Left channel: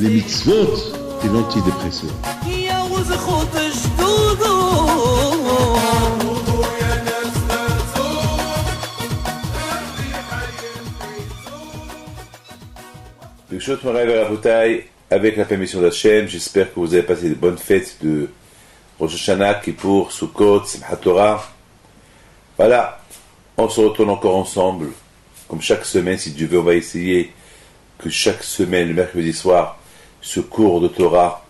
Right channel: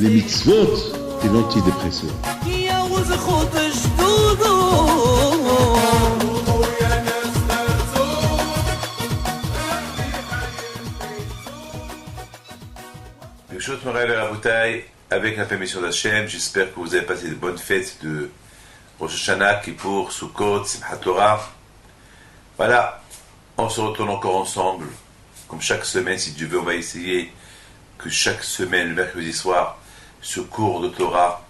les mitzvot et l'antidépresseur. Birshot Moray Verabotay, avec la permission d'Hachem, j'espère que vous avez passé de bonnes fêtes de Rosh Hashanah, Kippour, Sukkot, Simchat Torah. Voilà, on se retourne encore ensemble, comme chaque semaine, si Dieu veut, on va essayer que chaque semaine, le mercredi soir, ce cours de Torah,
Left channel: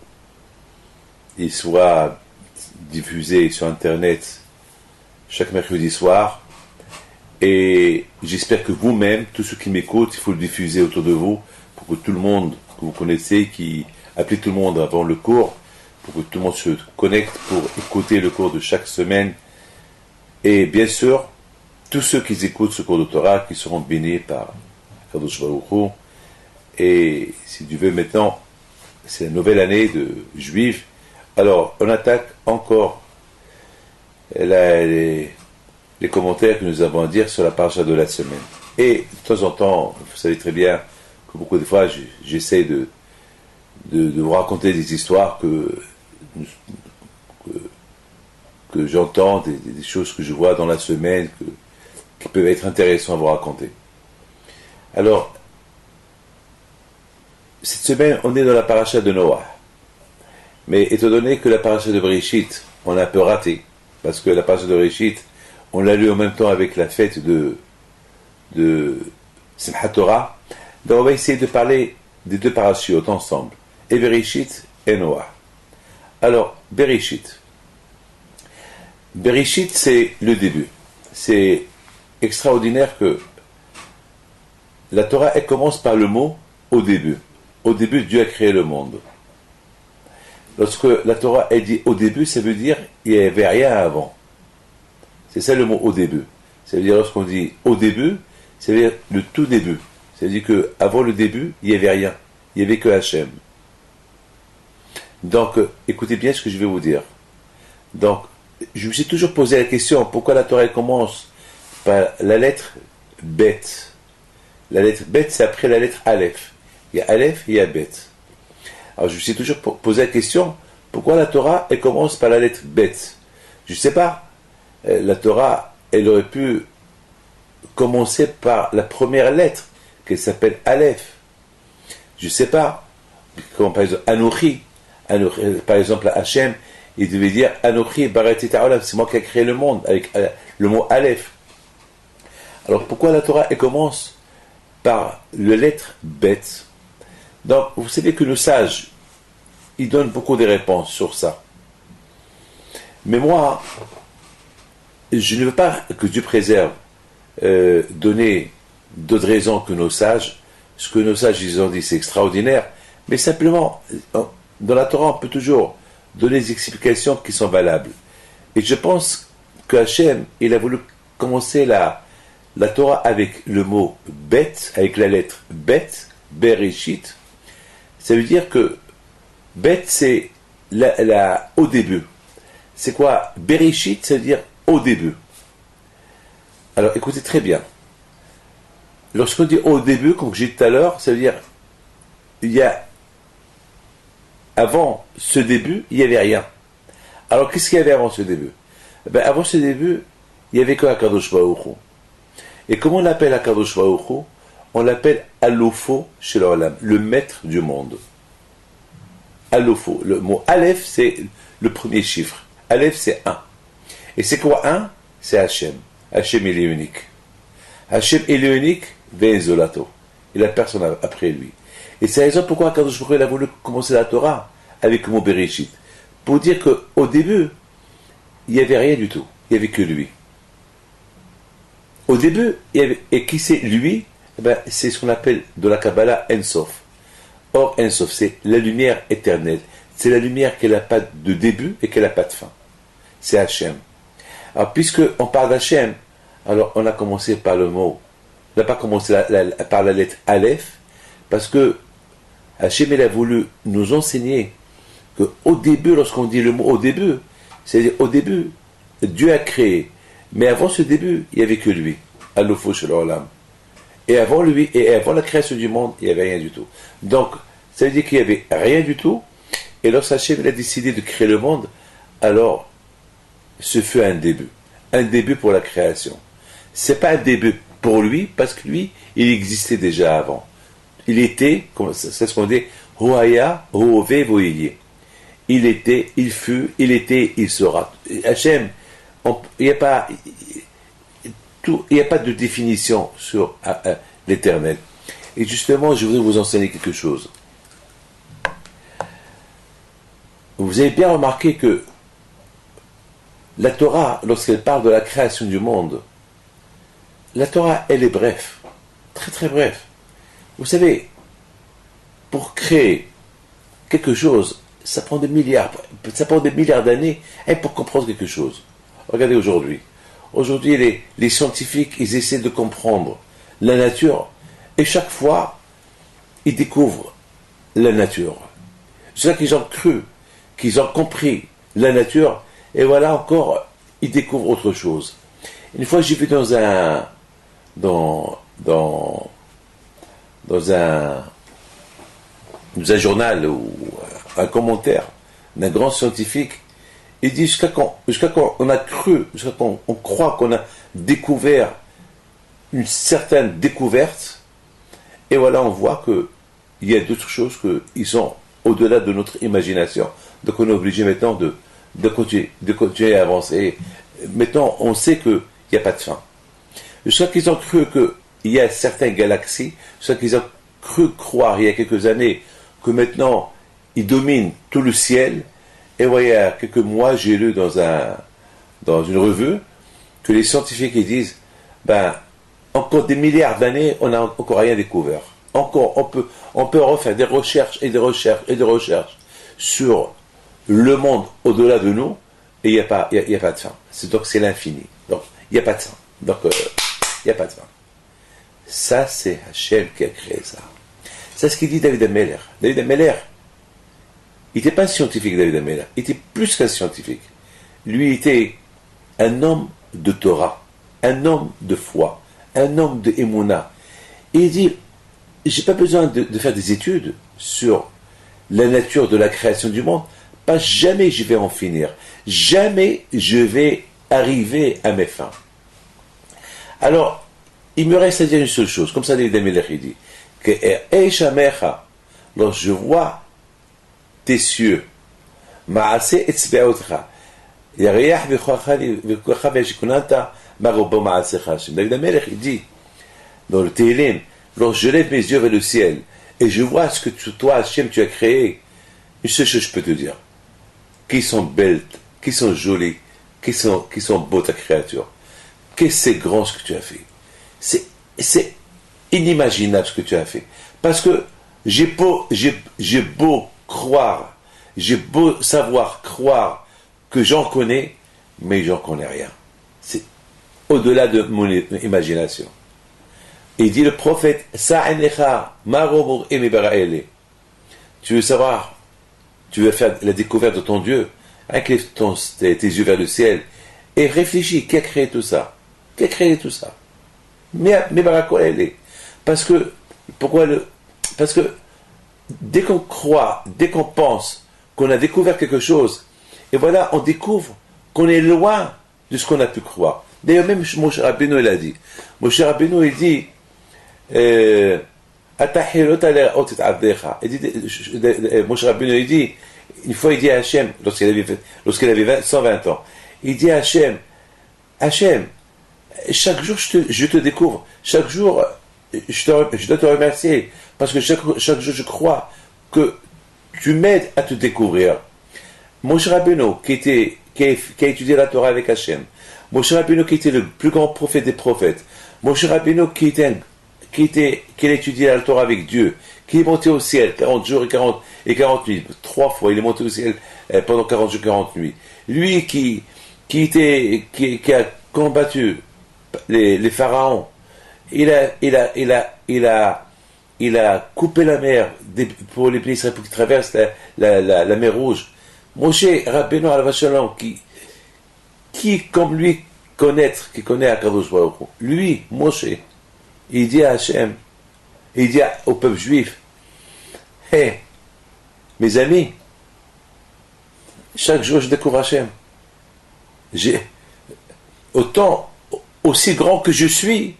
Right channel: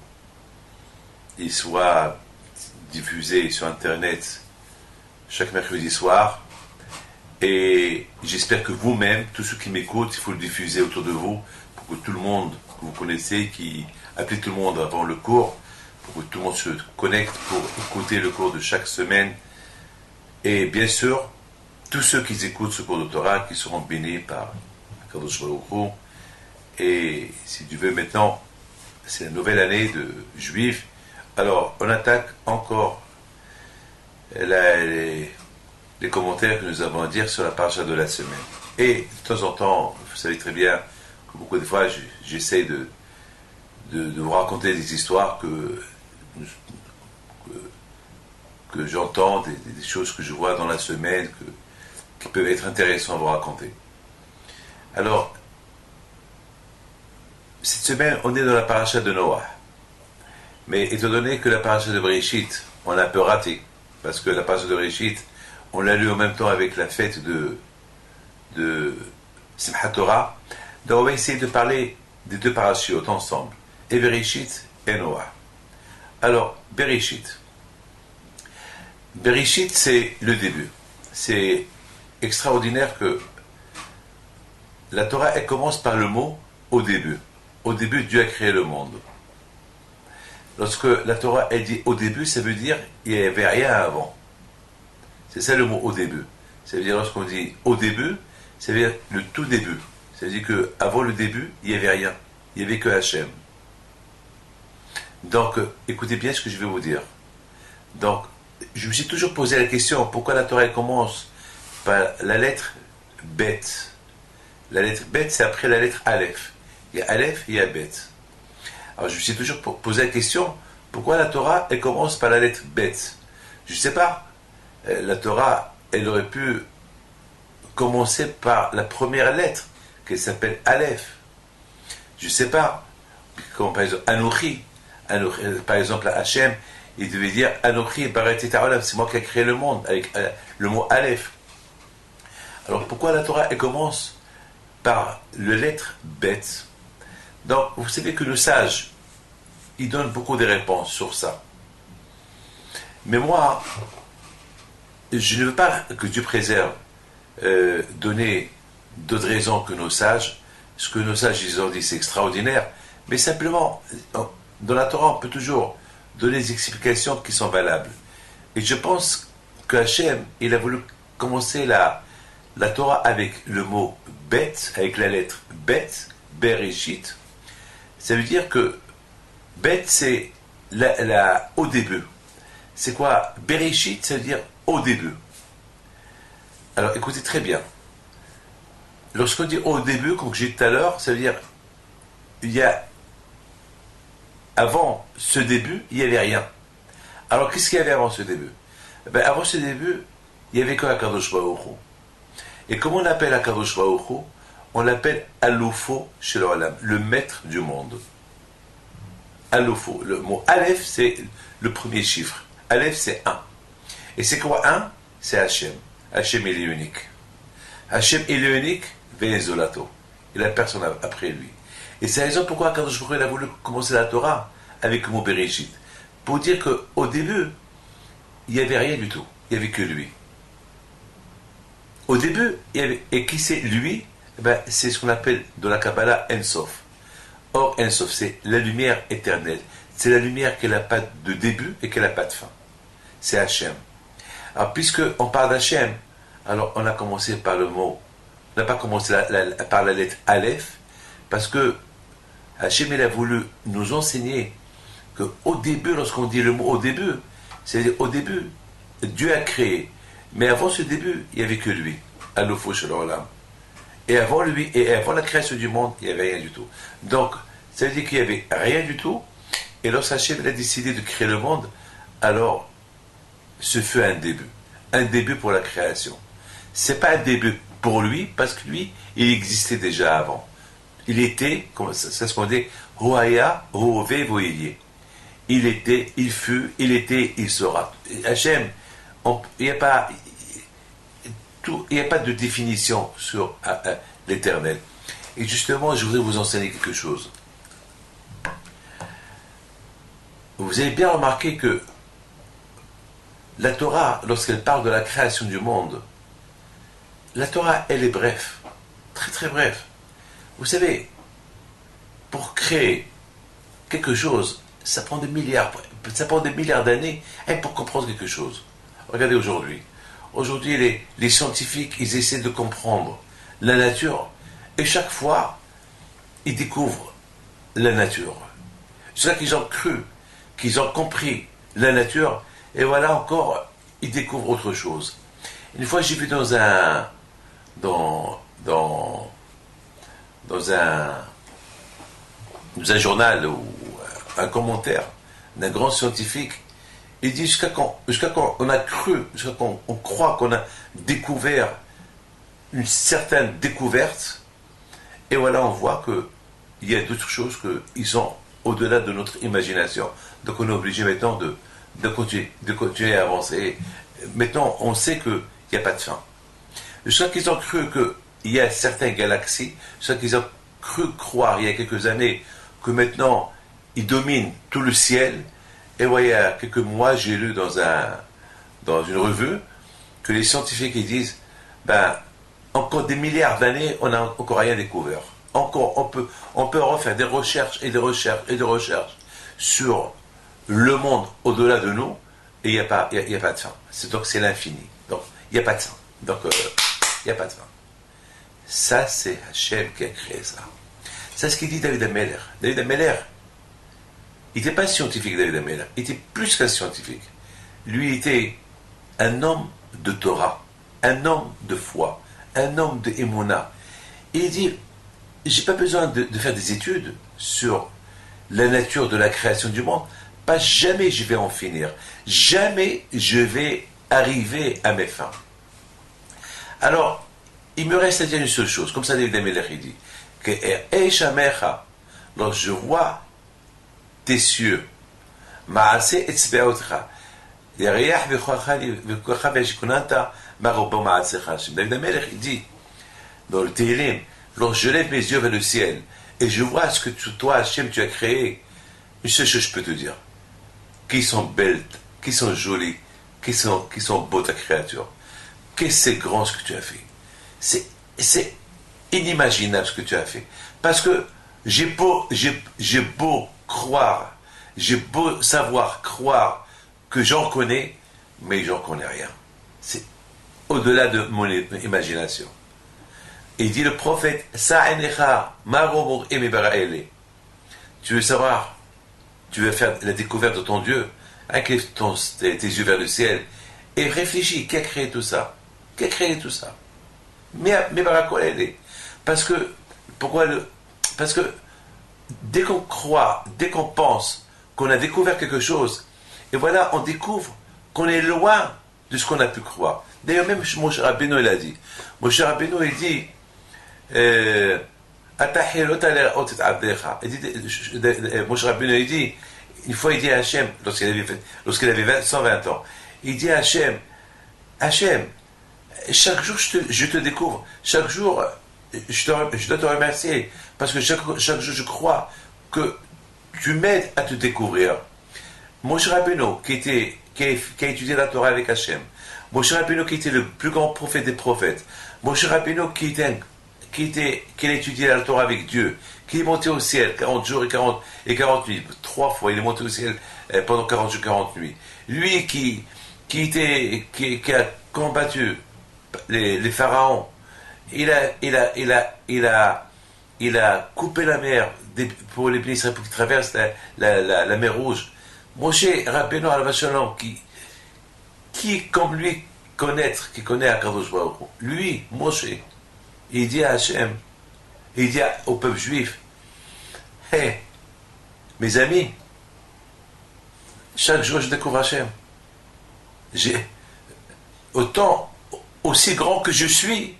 il soit diffusé sur Internet chaque mercredi soir. Et j'espère que vous-même, tous ceux qui m'écoutent, il faut le diffuser autour de vous, pour que tout le monde que vous connaissez, qui appelez tout le monde avant le cours, pour que tout le monde se connecte pour écouter le cours de chaque semaine. Et bien sûr, tous ceux qui écoutent ce cours de Torah, qui seront bénis par Kadosh Baruch Hu. Et si Dieu veut maintenant, c'est la nouvelle année de Juifs. Alors, on attaque encore les commentaires que nous avons à dire sur la paracha de la semaine. Et de temps en temps, vous savez très bien que beaucoup de fois, j'essaie de vous raconter des histoires que j'entends, des choses que je vois dans la semaine, qui peuvent être intéressantes à vous raconter. Alors, cette semaine, on est dans la paracha de Noah. Mais étant donné que la paracha de Bereshit, on a un peu raté, parce que la paracha de Bereshit, on l'a lu en même temps avec la fête de Simchat Torah, donc on va essayer de parler des deux parachutes ensemble, et Bereshit et Noah. Alors, Bereshit, c'est le début. C'est extraordinaire que la Torah, elle commence par le mot « au début ». Au début, Dieu a créé le monde. Lorsque la Torah est dit « au début », ça veut dire qu'il n'y avait rien avant. C'est ça le mot « au début ». Ça veut dire lorsqu'on dit « au début », ça veut dire le tout début. Ça veut dire qu'avant le début, il n'y avait rien. Il n'y avait que Hachem. Donc, écoutez bien ce que je vais vous dire. Donc, je me suis toujours posé la question, pourquoi la Torah commence par la lettre Bet? La lettre Bet, c'est après la lettre Aleph. Il y a Aleph et il y a Bet. Alors, je me suis toujours posé la question, pourquoi la Torah, elle commence par la lettre Bet? Je ne sais pas. La Torah, elle aurait pu commencer par la première lettre, qui s'appelle Aleph. Je ne sais pas. Comme par exemple Anochi. Par exemple, Hachem, il devait dire Anochi Barati Ta'olam, c'est moi qui ai créé le monde, avec le mot Aleph. Alors pourquoi la Torah, elle commence par la lettre Bet? Donc, vous savez que nos sages, ils donnent beaucoup de réponses sur ça. Mais moi, je ne veux pas que Dieu préserve donner d'autres raisons que nos sages. Ce que nos sages, ils ont dit, c'est extraordinaire. Mais simplement, dans la Torah, on peut toujours donner des explications qui sont valables. Et je pense que Hachem, il a voulu commencer la Torah avec le mot Bet, avec la lettre Bet, Bereshit. Ça veut dire que Bet, c'est au début. C'est quoi? Bereshit, ça veut dire au début. Alors, écoutez très bien. Lorsqu'on dit au début, comme j'ai dit tout à l'heure, ça veut dire il y a avant ce début, il n'y avait rien. Alors, qu'est-ce qu'il y avait avant ce début? Avant ce début, il n'y avait que Akadosh Baruch Hu. Et comment on appelle Akadosh Baruch Hu? On l'appelle Alofo chez l'Olam, le maître du monde. Alofo. Le mot Aleph, c'est le premier chiffre. Aleph, c'est 1. Et c'est quoi 1? C'est Hachem. Hachem, il est unique. Hachem, il est unique, Ve'ezolato. Il n'a personne après lui. Et c'est la raison pourquoi Akadosh Baruch Hu a voulu commencer la Torah avec le mot Bereshit. Pour dire qu'au début, il n'y avait rien du tout. Il n'y avait que lui. Au début, il y avait, et qui c'est lui? C'est ce qu'on appelle de la Kabbalah Ensof. Or, Ensof, c'est la lumière éternelle. C'est la lumière qui n'a pas de début et qui n'a pas de fin. C'est Hachem. Alors, puisqu'on parle d'Hachem, alors on a commencé par le mot, on n'a pas commencé par la lettre Aleph, parce que Hachem, il a voulu nous enseigner qu'au début, lorsqu'on dit le mot au début, c'est-à-dire au début, Dieu a créé. Mais avant ce début, il n'y avait que lui. Alofo shel olam. Et avant lui, et avant la création du monde, il n'y avait rien du tout. Donc, Ça veut dire qu'il n'y avait rien du tout. Et lorsque Hachem a décidé de créer le monde, alors ce fut un début. Un début pour la création. C'est pas un début pour lui, parce que lui, il existait déjà avant. Il était, c'est ce qu'on dit, Hoaya, Hove, Voyeye. Il était, il fut, il était, il sera. Hachem, il n'y a pas de définition sur l'éternel. Et justement, je voudrais vous enseigner quelque chose. Vous avez bien remarqué que la Torah, lorsqu'elle parle de la création du monde, la Torah, elle est brève, très très brève. Vous savez, pour créer quelque chose, ça prend des milliards d'années pour comprendre quelque chose. Regardez aujourd'hui. Aujourd'hui, les scientifiques, ils essaient de comprendre la nature, et chaque fois, ils découvrent la nature. C'est ça qu'ils ont cru, qu'ils ont compris la nature, et voilà encore, ils découvrent autre chose. Une fois, j'ai vu dans un journal ou un commentaire d'un grand scientifique, il dit jusqu'à quand on a cru, jusqu'à quand on croit qu'on a découvert une certaine découverte, et voilà, on voit qu'il y a d'autres choses qui sont au-delà de notre imagination. Donc on est obligé maintenant de continuer à avancer. Maintenant, on sait qu'il n'y a pas de fin. Jusqu'à qu'ils ont cru qu'il y a certaines galaxies, jusqu'à qu'ils ont cru croire il y a quelques années que maintenant ils dominent tout le ciel. Et voilà, il y a quelques mois, j'ai lu dans une revue que les scientifiques ils disent, encore des milliards d'années, on n'a encore rien découvert. Encore, on peut refaire des recherches et des recherches et des recherches sur le monde au-delà de nous, et il n'y a pas de fin. Donc c'est l'infini. Donc il n'y a pas de fin. Donc il n'y a pas de fin. Ça, c'est Hachem qui a créé ça. C'est ce qu'il dit David Ameller. David Ameller, il n'était pas scientifique, David Ameller. Il était plus qu'un scientifique. Lui était un homme de Torah, un homme de foi, un homme de Emouna. Et il dit, j'ai pas besoin de faire des études sur la nature de la création du monde, pas jamais je vais en finir. Jamais je vais arriver à mes fins. Alors, il me reste à dire une seule chose, comme ça David Ameller il dit, que lorsque je vois tes cieux, David Ameller il dit, dans le Tehillim, lorsque je lève mes yeux vers le ciel, et je vois ce que toi, Hachem, tu as créé, une seule chose je peux te dire, qui sont belles, qui sont jolies, qui sont beaux ta créature. Qu'est-ce que c'est grand ce que tu as fait. C'est inimaginable ce que tu as fait. Parce que j'ai beau croire, j'ai beau savoir croire que j'en connais, mais j'en connais rien. C'est au-delà de mon imagination. Et il dit le prophète, tu veux savoir, tu veux faire la découverte de ton Dieu, incline tes yeux vers le ciel, et réfléchis, qui a créé tout ça? Qui a créé tout ça? Parce que dès qu'on croit, dès qu'on pense qu'on a découvert quelque chose, et voilà, on découvre qu'on est loin de ce qu'on a pu croire. D'ailleurs, même Moshe Rabbeinu, il a dit. Moshe Rabbeinu, il dit, Moshe Rabbeinu, il dit, une fois, il dit à Hachem, lorsqu'il avait 120 ans, il dit à Hachem, chaque jour, je te découvre. Chaque jour, je dois te remercier. Parce que chaque jour, je crois que tu m'aides à te découvrir. Moshe Rabbeinu, qui a étudié la Torah avec Hachem. Moshe Rabbeinu, qui était le plus grand prophète des prophètes. Moshe Rabbeinu, qui a étudié la Torah avec Dieu. Qui est monté au ciel 40 jours et 40 nuits. 3 fois, il est monté au ciel pendant 40 jours et 40 nuits. Lui, qui a combattu les pharaons, il a coupé la mer pour les pays Israël pour qu'ils traversent la mer Rouge. Moshe Rabbeinu Alav Shalom, qui comme lui qui connaît Akadosh Baruch Hu, lui, Moshe, il dit à Hachem, il dit au peuple juif, Hé, mes amis, chaque jour je découvre Hachem. Autant, aussi grand que je suis,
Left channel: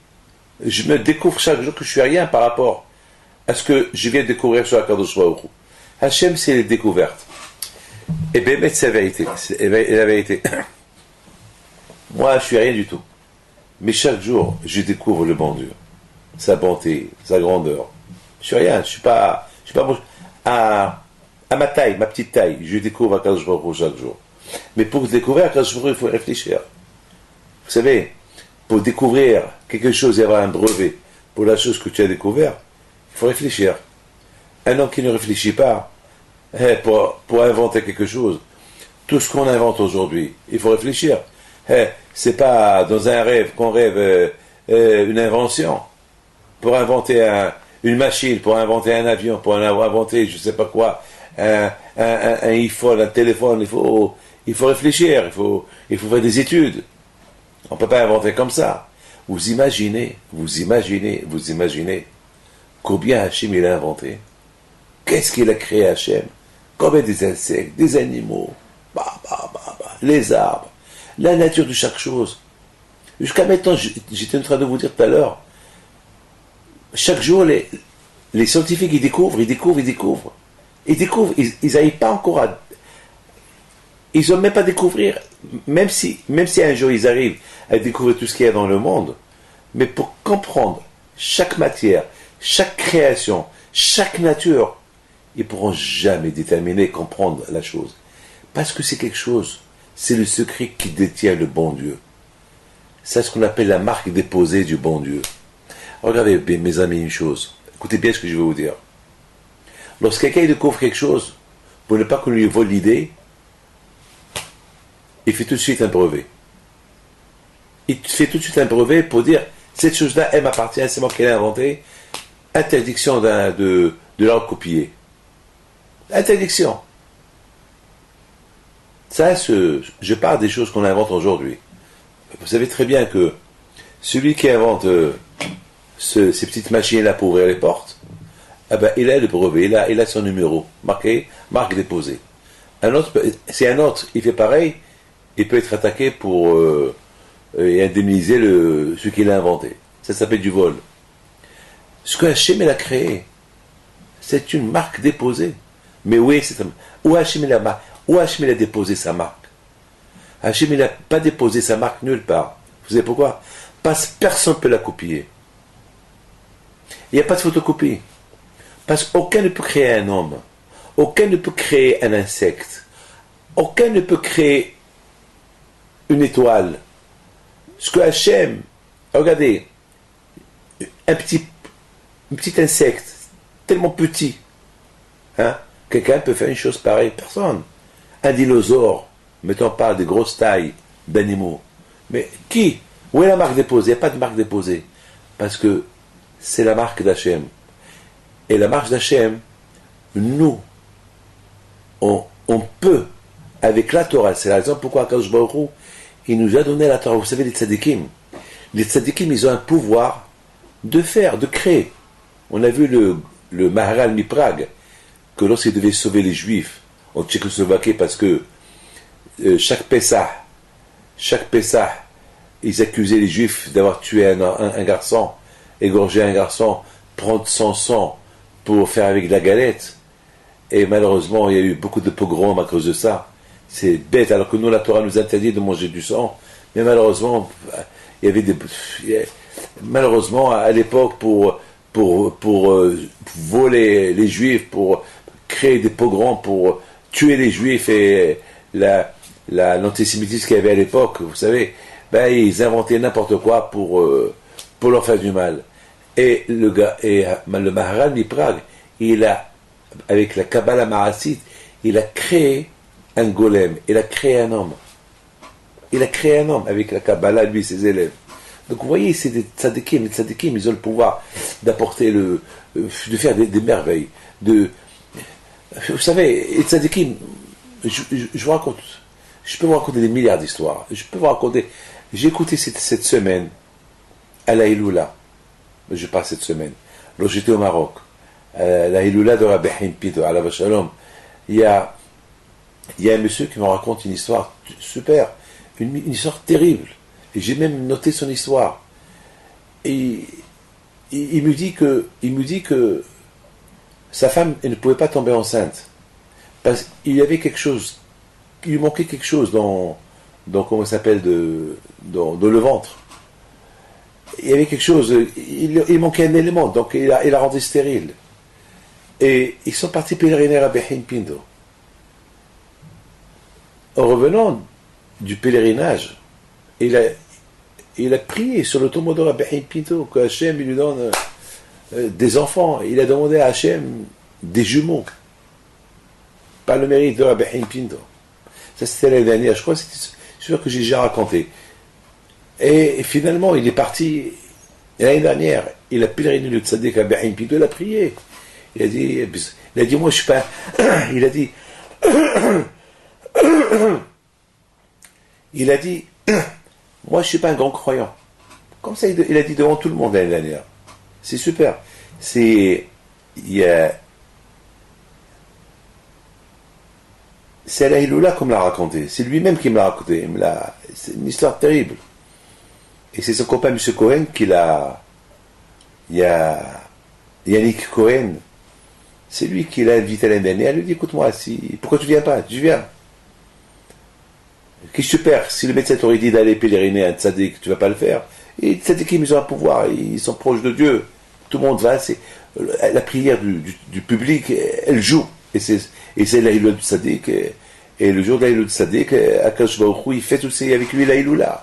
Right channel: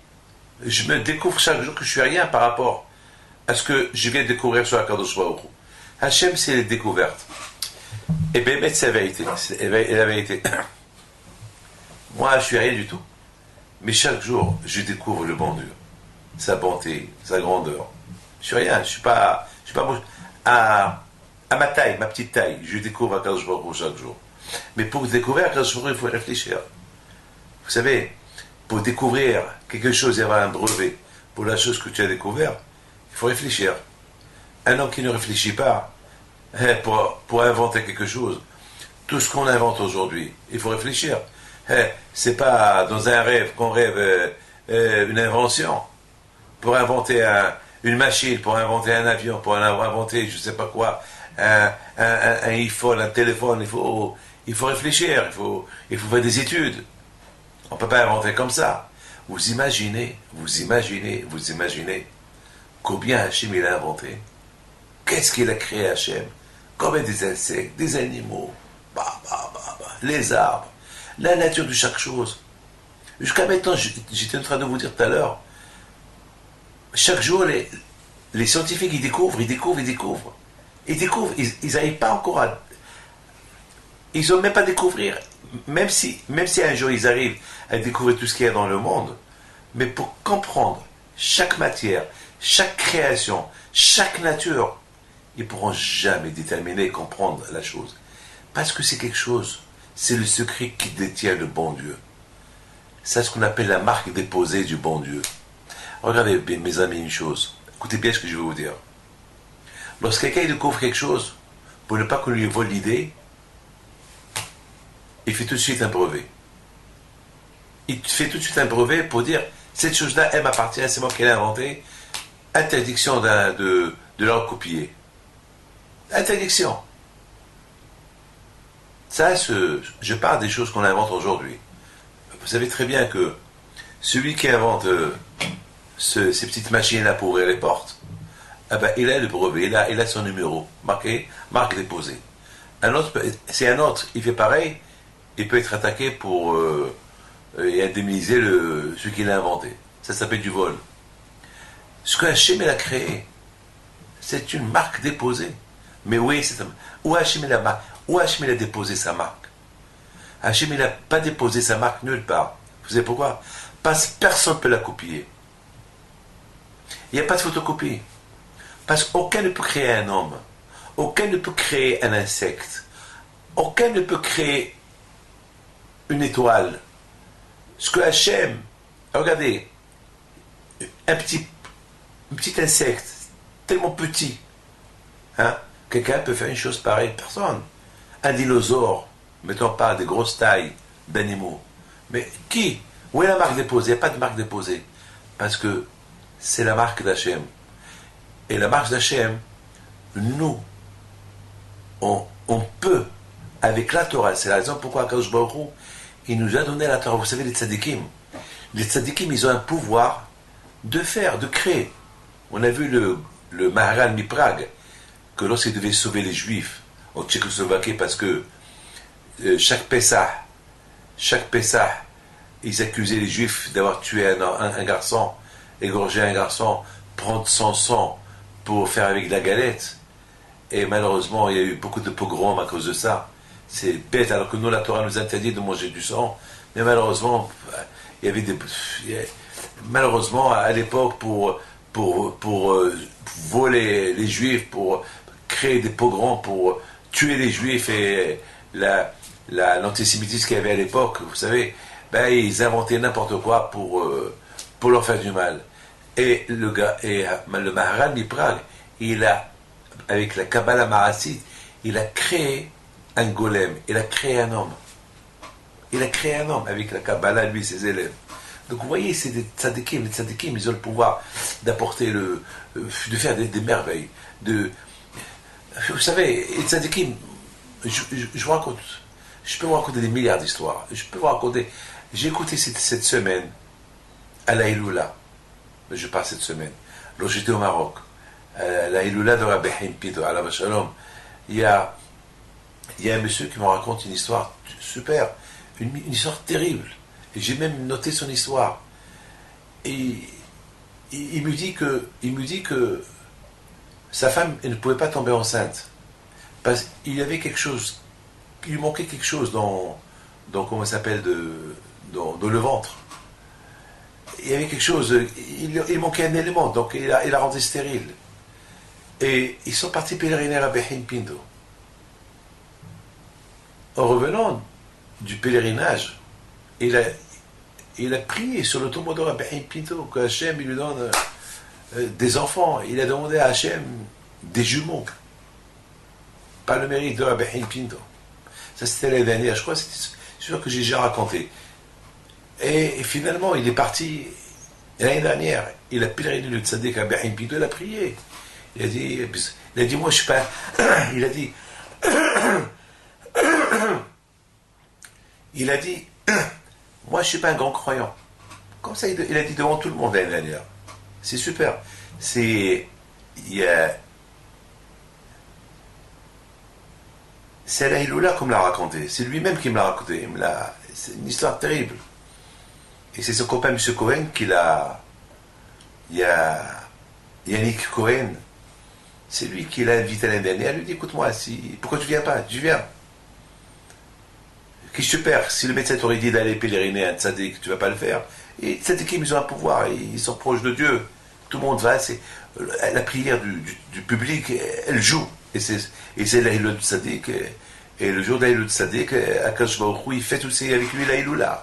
je me découvre chaque jour que je suis rien par rapport à ce que je viens de découvrir sur la Kadosh Baruch Hu. Hachem, c'est les découvertes. Et bien, c'est la vérité. C'est la vérité. Moi, je suis rien du tout. Mais chaque jour, je découvre le bon Dieu. Sa bonté, sa grandeur. Je suis rien. Je suis pas à ma taille, ma petite taille. Je découvre Akadosh Baruch Hu chaque jour. Mais pour découvrir Akadosh Baruch Hu, il faut réfléchir. Vous savez, pour découvrir quelque chose et avoir un brevet pour la chose que tu as découvert, il faut réfléchir. Un homme qui ne réfléchit pas, pour inventer quelque chose, tout ce qu'on invente aujourd'hui, il faut réfléchir. C'est pas dans un rêve qu'on rêve une invention. Pour inventer une machine, pour inventer un avion, pour inventer je sais pas quoi, un iPhone, un téléphone, il faut réfléchir, il faut faire des études. On ne peut pas inventer comme ça. Vous imaginez combien Hachem il a inventé. Qu'est-ce qu'il a créé Hachem? Combien des insectes, des animaux, les arbres, la nature de chaque chose. Jusqu'à maintenant, j'étais en train de vous dire tout à l'heure, chaque jour, les scientifiques, ils découvrent. Ils n'arrivent pas encore à... Ils n'ont même pas à découvrir, même si un jour ils arrivent à découvrir tout ce qu'il y a dans le monde, mais pour comprendre chaque matière, chaque création, chaque nature, ils ne pourront jamais déterminer, comprendre la chose. Parce que c'est quelque chose, c'est le secret qui détient le bon Dieu. C'est ce qu'on appelle la marque déposée du bon Dieu. Regardez bien, mes amis, une chose. Écoutez bien ce que je vais vous dire. Lorsque quelqu'un découvre quelque chose, pour ne pas qu'on lui vole l'idée, il fait tout de suite un brevet. Il fait tout de suite un brevet pour dire, cette chose-là, elle m'appartient, c'est moi qui l'ai inventée. Interdiction de la recopier. Interdiction. Ça, je parle des choses qu'on invente aujourd'hui. Vous savez très bien que celui qui invente ces petites machines-là pour ouvrir les portes, il a le brevet, il a son numéro, marqué, marque déposée. Si un autre, il fait pareil, il peut être attaqué pour et indemniser ce qu'il a inventé. Ça s'appelle du vol. Ce que Hachem a créé, c'est une marque déposée. Mais oui, où Hachem a déposé sa marque? Hachem n'a pas déposé sa marque nulle part. Vous savez pourquoi? Parce que personne ne peut la copier. Il n'y a pas de photocopie. Parce qu'aucun ne peut créer un homme. Aucun ne peut créer un insecte. Aucun ne peut créer une étoile. Ce que Hachem, regardez, un petit insecte, tellement petit, hein, quelqu'un peut faire une chose pareille, personne. Un dinosaure, mettons pas des grosses tailles d'animaux. Mais qui? Où est la marque déposée? Il n'y a pas de marque déposée. Parce que c'est la marque d'Hachem. Et la marque d'Hachem, nous, on peut, avec la Torah, c'est la raison pourquoi Akadosh Baruch Hu, il nous a donné la Torah. Vous savez, les tzadikim, ils ont un pouvoir de faire, de créer. On a vu le Maharal Miprag, que lorsqu'il devait sauver les Juifs en Tchécoslovaquie, parce que chaque Pessah, ils accusaient les Juifs d'avoir tué un garçon, égorgé un garçon, prendre son sang pour faire avec de la galette. Et malheureusement, il y a eu beaucoup de pogroms à cause de ça. C'est bête, alors que nous, la Torah nous interdit de manger du sang. Mais malheureusement, il y avait malheureusement, à l'époque, pour voler les Juifs, pour créer des pogroms, pour tuer les Juifs et l'antisémitisme qu'il y avait à l'époque, vous savez, ils inventaient n'importe quoi pour leur faire du mal. Et le Maharal Miprag, avec la Kabbalah Ma'asit, il a créé un golem, il a créé un homme. Il a créé un homme avec la Kabbalah, lui, ses élèves. Donc vous voyez, c'est des tzadikim. Les tzadikim, ils ont le pouvoir d'apporter de faire des merveilles. Vous savez, les tzadikim, je vous raconte, je peux vous raconter des milliards d'histoires. J'ai écouté cette semaine, à la Iloula, je parle cette semaine, lorsque j'étais au Maroc, la Hilula de Rabbi Haim Pinto, alav shalom, il y a un monsieur qui me raconte une histoire super, une histoire terrible. Et j'ai même noté son histoire. Et il me dit que sa femme elle ne pouvait pas tomber enceinte. Parce qu'il y avait quelque chose, il lui manquait quelque chose dans comment ça s'appelle, dans le ventre. Il y avait quelque chose, il manquait un élément, donc il a rendu stérile. Et ils sont partis pèleriner à Behim Pindo. En revenant du pèlerinage, il a prié sur le tombeau de Rabbi Pinto que Hachem il lui donne des enfants. Il a demandé à Hachem des jumeaux. Par le mérite de Rabbi Pinto. Ça c'était l'année dernière, je crois, c'est sûr que j'ai déjà raconté. Et finalement, il est parti l'année dernière. Il a pèleriné le tzaddik Rabbi Pinto, il a prié. Il a dit, moi je suis pas. Il a dit. Il a dit, moi je suis pas un grand croyant. Comme ça, il a dit devant tout le monde l'année dernière. C'est super. C'est la Hilula comme l'a raconté. C'est lui-même qui me l'a raconté. C'est une histoire terrible. Et c'est son copain M. Cohen qui l'a. Il y a Yannick Cohen. C'est lui qui l'a invité l'année dernière. Il lui dit, écoute-moi, pourquoi tu viens pas? Tu viens. Qu'est-ce que tu perds? Si le médecin t'aurait dit d'aller pèleriner un tzaddik, tu vas pas le faire. Et les tzaddikim, ils ont un pouvoir, ils sont proches de Dieu. Tout le monde va, la prière du public, elle joue. Et c'est la Hilula du tzaddik. Et le jour de la Hilula du tzaddik, Akadosh Baruch Hu, il fait aussi avec lui la Hilula.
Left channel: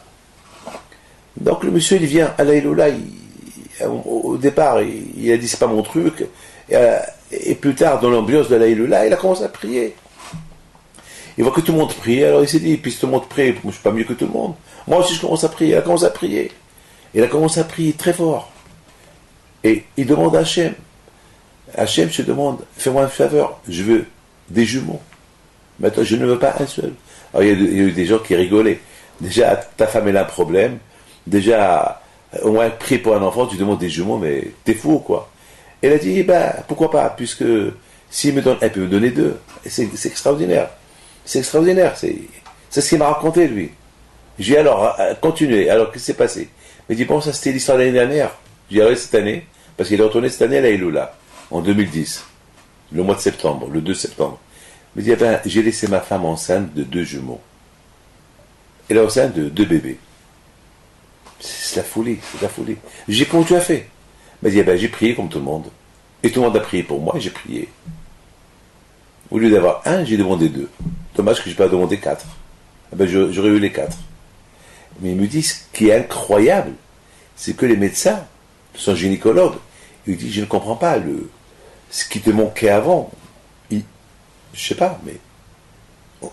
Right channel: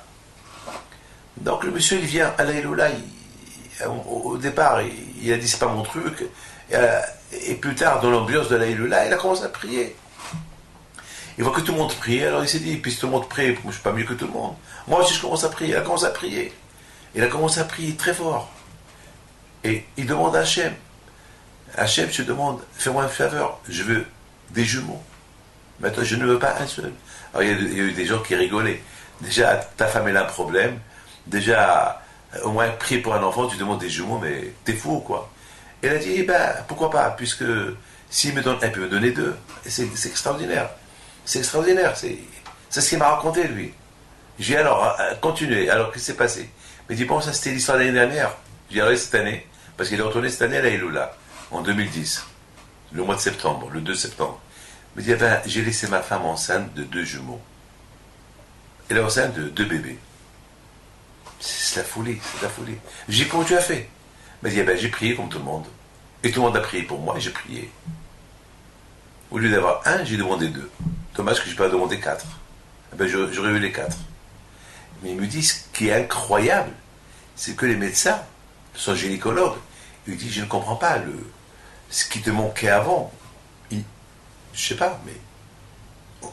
Donc le monsieur, il vient à la Hilula, au départ, il a dit c'est pas mon truc. Et plus tard, dans l'ambiance de la Hilula, il a commencé à prier. Il voit que tout le monde prie, alors il s'est dit, puisque tout le monde prie, je suis pas mieux que tout le monde. Moi aussi je commence à prier, il a commencé à prier. Il a commencé à prier très fort. Et il demande à Hachem. Hachem se demande, fais-moi une faveur, je veux des jumeaux. Maintenant, je ne veux pas un seul. Alors il y a eu des gens qui rigolaient. Déjà, ta femme elle a un problème. Déjà, au moins prier pour un enfant, tu demandes des jumeaux, mais t'es fou, quoi. Elle a dit, pourquoi pas, puisque s'il me donne, elle peut me donner deux. Et c'est extraordinaire. C'est extraordinaire, c'est ce qu'il m'a raconté, lui. Je lui ai dit, alors, continuez, alors qu'est-ce qui s'est passé? Il m'a dit, bon, ça c'était l'histoire de l'année dernière. Je lui ai dit, cette année, parce qu'il est retourné cette année à la Hilula, en 2010, le mois de septembre, le 2 septembre. Il m'a dit, j'ai laissé ma femme enceinte de 2 jumeaux. Elle est enceinte de 2 bébés. C'est la folie, c'est la folie. J'ai dit, comment tu as fait? Il m'a dit, j'ai prié comme tout le monde. Et tout le monde a prié pour moi et j'ai prié. Au lieu d'avoir 1, j'ai demandé 2. Dommage que je n'ai pas demandé 4. J'aurais eu les 4. Mais il me dit, ce qui est incroyable, c'est que les médecins, son gynécologue, il me dit, je ne comprends pas ce qui te manquait avant. Je ne sais pas, mais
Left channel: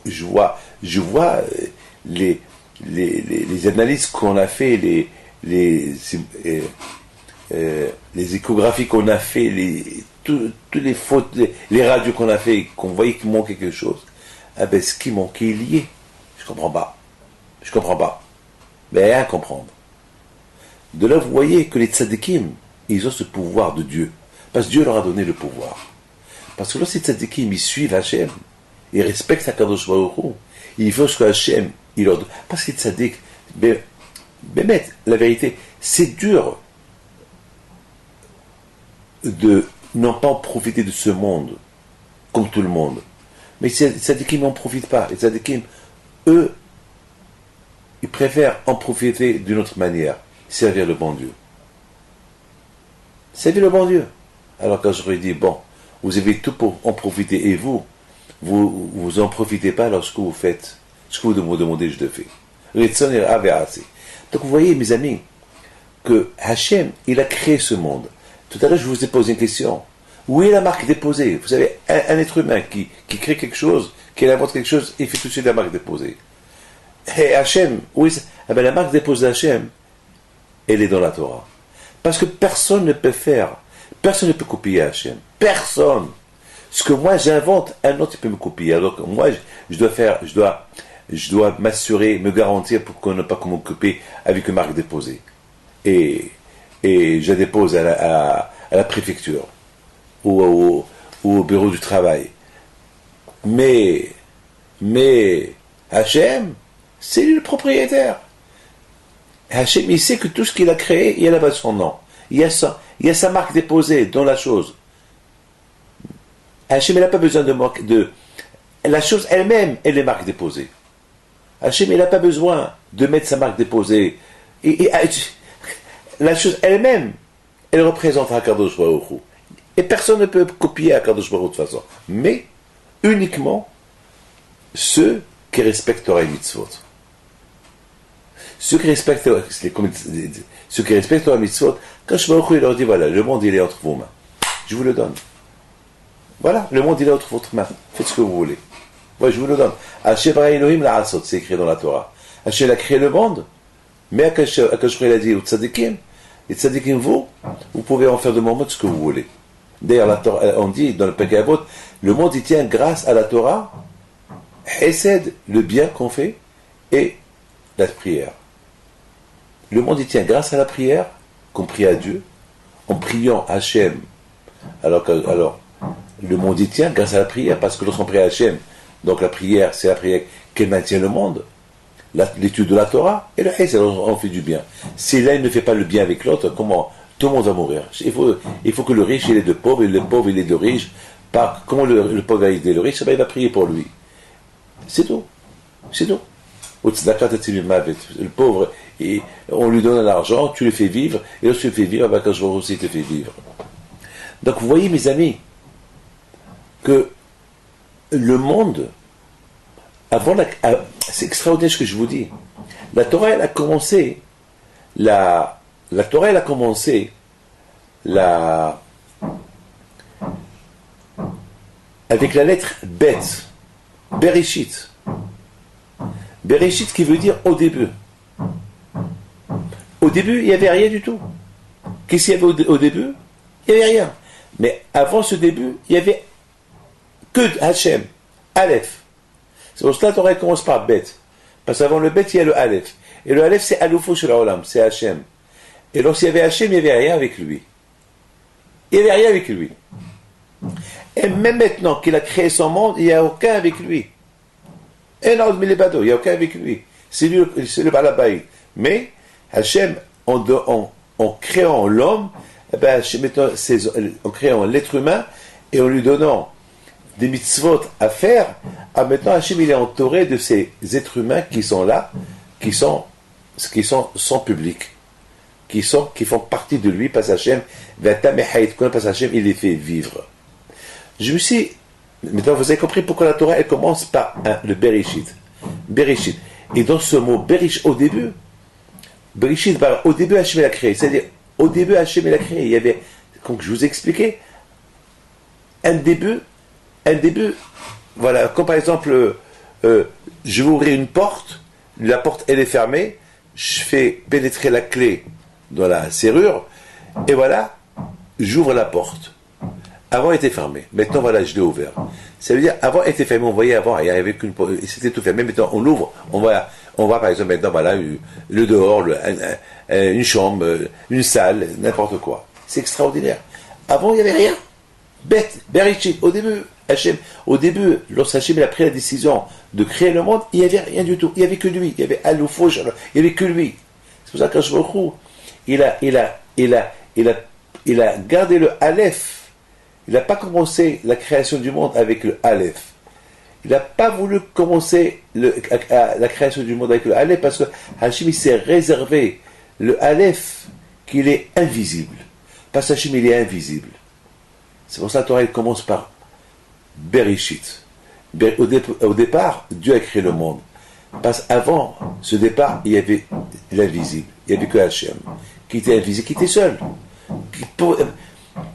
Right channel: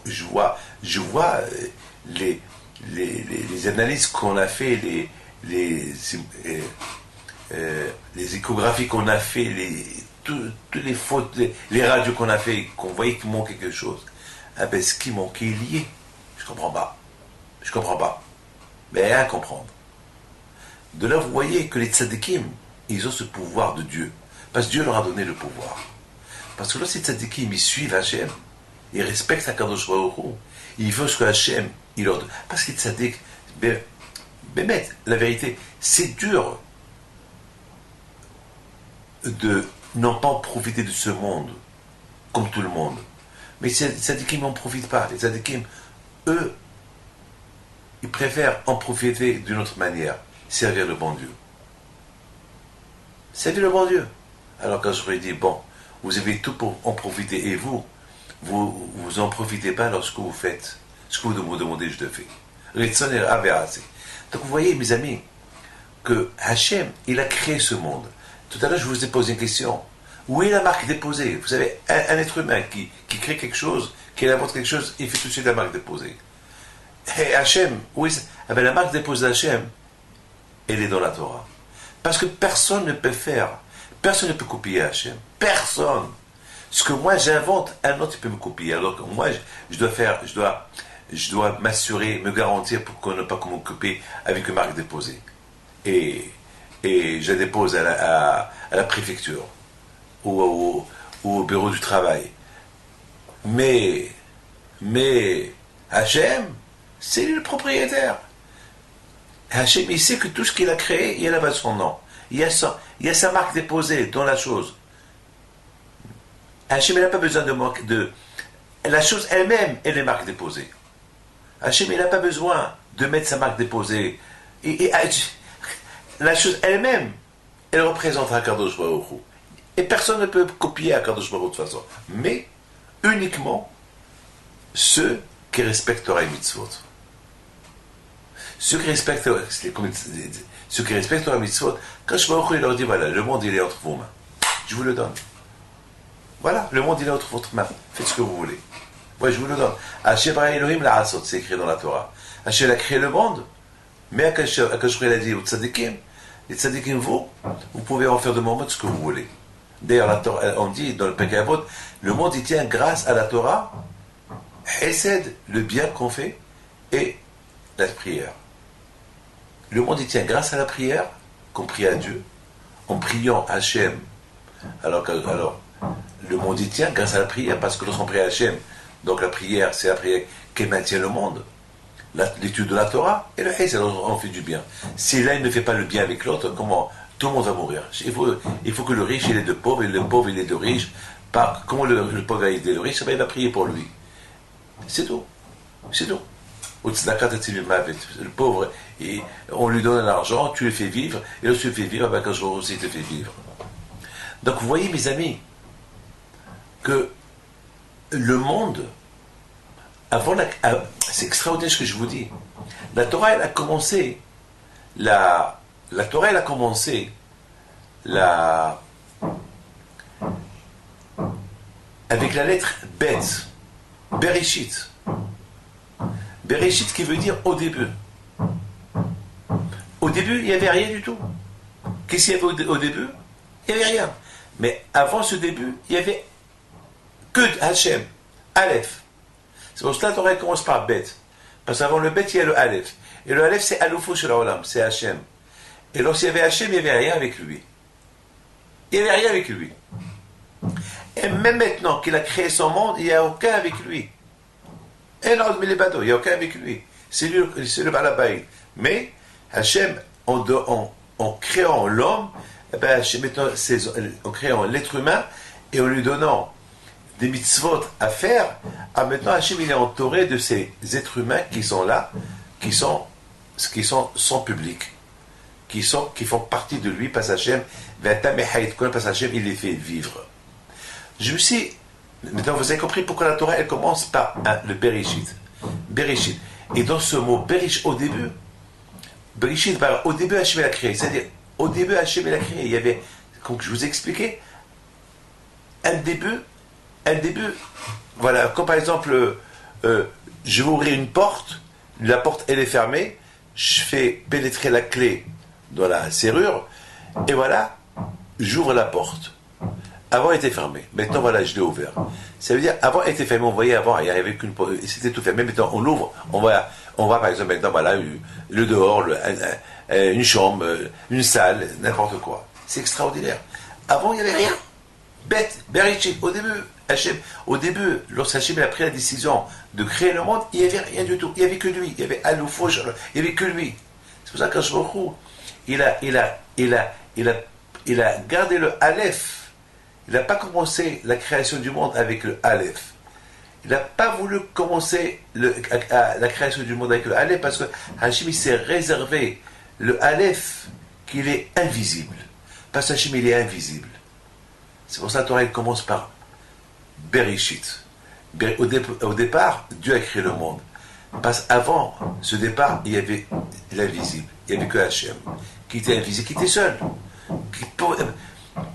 je vois les analyses qu'on a fait, les échographies qu'on a fait, toutes les fautes, les radios qu'on a fait, qu'on voyait qu'il manquait quelque chose. Ce qui manquait est lié. Je comprends pas. Mais rien à comprendre. De là, vous voyez que les tzadikim, ils ont ce pouvoir de Dieu. Parce que Dieu leur a donné le pouvoir. Parce que lorsque les tzadikim, ils suivent Hachem, ils respectent Akadosh Baruch Hu, ils font ce que Hachem, il leur donne. Parce que les tzadikim, la vérité, c'est dur de non pas profiter de ce monde, comme tout le monde. Mais les tzadikim n'en profitent pas. Les tzadikim, eux, ils préfèrent en profiter d'une autre manière. Servir le bon Dieu. Servir le bon Dieu. Alors quand j'aurais dit, bon, vous avez tout pour en profiter et vous en profitez pas lorsque vous faites ce que vous me demandez, je le fais. Donc vous voyez, mes amis, que Hachem, il a créé ce monde. Tout à l'heure, je vous ai posé une question. Où est la marque déposée? Vous savez, un être humain qui crée quelque chose, qui invente quelque chose, il fait tout de suite la marque déposée. Et Hachem, oui, la marque déposée d'Hachem, elle est dans la Torah. Parce que personne ne peut copier Hachem. Personne. Ce que moi j'invente, un autre peut me copier. Alors que moi, je dois m'assurer, me garantir pour qu'on ne pas me copier avec une marque déposée. Et je la dépose à la préfecture. ou au bureau du travail. Mais Hachem, c'est lui le propriétaire. Hachem, il sait que tout ce qu'il a créé, il y a là-bas son nom. Il y a sa marque déposée dans la chose. Hachem, il n'a pas besoin de... La chose elle-même, elle est marque déposée. Hachem, il n'a pas besoin de mettre sa marque déposée. La chose elle-même, elle représente Akadosh Baruch Hu. Et personne ne peut copier Akadosh Baruch Hu de toute façon. Mais uniquement ceux qui respectent Torah et Mitzvot. Ceux qui respectent Torah et Mitzvot, Akadosh Baruch Hu, il leur dit, voilà, le monde il est entre vos mains. Je vous le donne. Voilà, le monde il est entre votre main. Faites ce que vous voulez. Moi, je vous le donne. Hashem bara Elohim la'asot, c'est écrit dans la Torah. Hashem a créé le monde, mais Akadosh Baruch Hu a dit aux tzadikim, les tzadikim, vous pouvez en faire de mon monde ce que vous voulez. D'ailleurs, la Torah, on dit dans le Pirkei Avot, le monde il tient grâce à la Torah, Hesed, le bien qu'on fait, et la prière. Le monde il tient grâce à la prière, qu'on prie à Dieu, en priant Hashem. Alors, le monde y tient grâce à la prière, parce que lorsqu'on prie à Hashem, donc la prière, c'est la prière qui maintient le monde, l'étude de la Torah, et le Hesed, on fait du bien. Si l'un ne fait pas le bien avec l'autre, comment? Tout le monde va mourir. Il faut que le riche, il est de pauvre, et le pauvre, il est de riche. Comment le pauvre va aider le riche? Il va prier pour lui. C'est tout. C'est tout. Le pauvre, on lui donne l'argent, tu le fais vivre, et lorsque tu le fais vivre, quand je vois aussi, te le fais vivre. Donc vous voyez, mes amis, que le monde, c'est extraordinaire ce que je vous dis. La Torah, elle a commencé, avec la lettre Bet, Bereshit. Bereshit qui veut dire au début. Au début, il n'y avait rien du tout. Qu'est-ce qu'il y avait au début? Il n'y avait rien. Mais avant ce début, il n'y avait que Hachem, Aleph. C'est pour cela que la Torah commence par Bet. Parce qu'avant le Bet, il y a le Aleph. Et le Aleph, c'est Aloufo Shel Olam, c'est Hachem. Et lorsqu'il y avait Hachem, il n'y avait rien avec lui. Il n'y avait rien avec lui. Et même maintenant qu'il a créé son monde, il n'y a aucun avec lui. Et non, il n'y a aucun avec lui. C'est le Balabaïd. Mais Hachem, en créant l'homme, en créant l'être humain, et en lui donnant des mitzvot à faire, maintenant Hachem il est entouré de ces êtres humains qui sont là, qui sont son public, qui font partie de lui, parce Hachem, parce Hachem il les fait vivre. Maintenant vous avez compris pourquoi la Torah elle commence par le Bereshit. Bereshit. Et dans ce mot Bereshit, au début, Bereshit, au début Hachem il a créé, c'est-à-dire au début Hachem il a créé, il y avait, comme je vous ai expliqué, un début, voilà, comme par exemple, je vais ouvrir une porte, la porte elle est fermée, je fais pénétrer la clé dans la serrure, et voilà, j'ouvre la porte. Avant elle était fermée, maintenant voilà, je l'ai ouvert. Ça veut dire, avant elle était fermée, on voyait avant, il n'y avait qu'une porte, c'était tout fermé, maintenant on l'ouvre, on va par exemple maintenant, voilà, le dehors, une chambre, une salle, n'importe quoi. C'est extraordinaire. Avant il n'y avait rien. Bête, Bereshit, au début, lorsque Hachem a pris la décision de créer le monde, il n'y avait rien du tout. Il n'y avait que lui. Il y avait Aloufouj, il n'y avait que lui. C'est pour ça que je me il a gardé le Aleph. Il n'a pas commencé la création du monde avec le Aleph. Il n'a pas voulu commencer la création du monde avec le Aleph parce que Hachem s'est réservé le Aleph qu'il est invisible. Parce que Hachem il est invisible. C'est pour ça que la Torah elle commence par Bereshit. Au départ, Dieu a créé le monde. Parce qu'avant ce départ, il y avait l'invisible. Il n'y avait que Hachem, qui était invisible, qui était seul.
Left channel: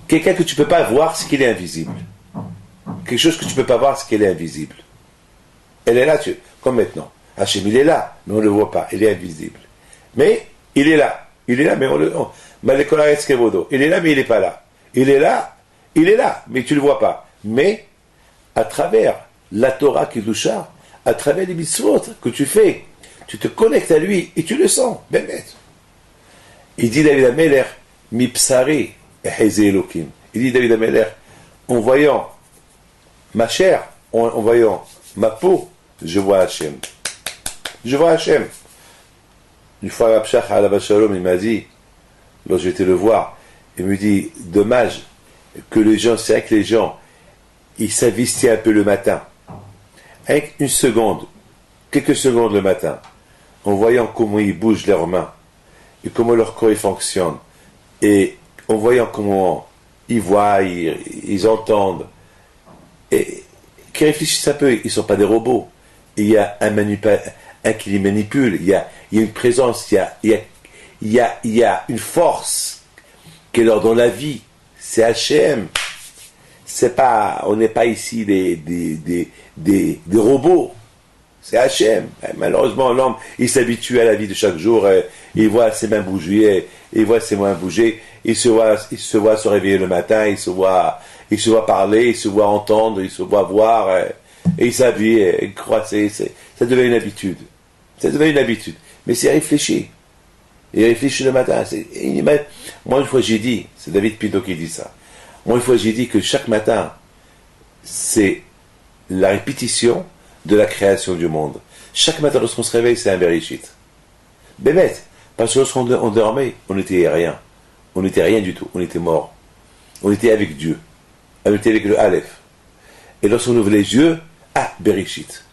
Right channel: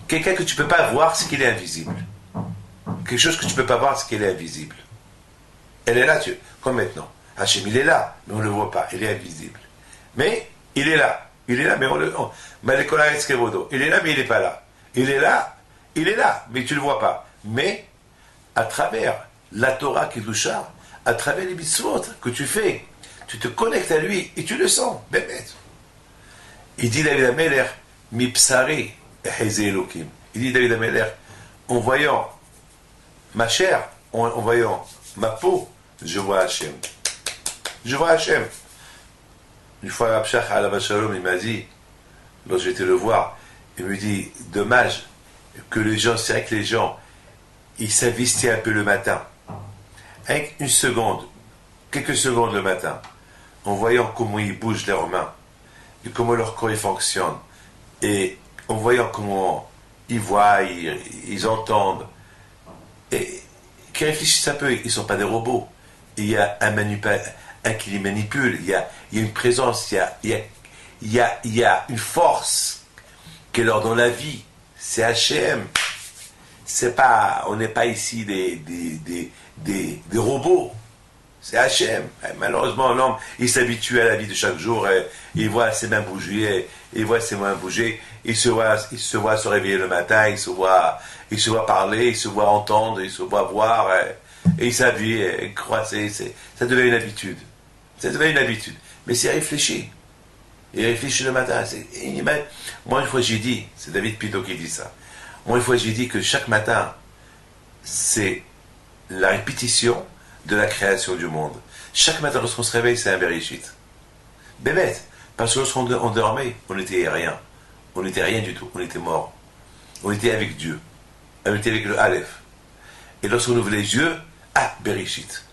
Quelqu'un que tu ne peux pas voir, c'est qu'il est invisible. Quelque chose que tu ne peux pas voir, c'est qu'il est invisible. Elle est là, comme maintenant. Hachem, il est là, mais on ne le voit pas. Il est invisible. Mais il est là. Il est là, mais on le... Il est là, mais il n'est pas là. Il est là, mais tu ne le vois pas. Mais, à travers la Torah Kiddusha, à travers les mitzvot que tu fais, tu te connectes à lui et tu le sens. Ben bête. Il dit David Ameler, mi psari eheze Elokim. Il dit David Ameler, en voyant ma chair, en voyant ma peau, je vois Hachem. Je vois Hachem. Une fois, Rav Shach Alav Shalom, il m'a dit, lorsque j'étais le voir, il me dit, dommage que les gens, c'est vrai que les gens, ils s'investissent un peu le matin, avec une seconde, quelques secondes le matin, en voyant comment ils bougent leurs mains, et comment leur corps fonctionne, et en voyant comment ils voient, ils entendent, et qui réfléchissent un peu, ils ne sont pas des robots. Il y a un qui les manipule, il y a une présence, il y a une force qui leur donne la vie. C'est Hachem. C'est pas, on n'est pas ici des robots. C'est Hachem. Malheureusement, l'homme, il s'habitue à la vie de chaque jour, il voit ses mains bouger, il voit ses mains bouger, il se voit se réveiller le matin, il se voit parler, il se voit entendre, il se voit voir, et il s'habille, il croit, ça devient une habitude. Ça devient une habitude. Mais c'est réfléchi. Il réfléchit le matin. Moi, une fois, j'ai dit, c'est David Pinto qui dit ça. Moi, une fois, j'ai dit que chaque matin, c'est la répétition de la création du monde. Chaque matin, lorsqu'on se réveille, c'est un Bereshit. Bébête. Parce que lorsqu'on dormait, on n'était rien. On n'était rien du tout. On était mort. On était avec Dieu. On était avec le Aleph. Et lorsqu'on ouvre les yeux, Bereshit.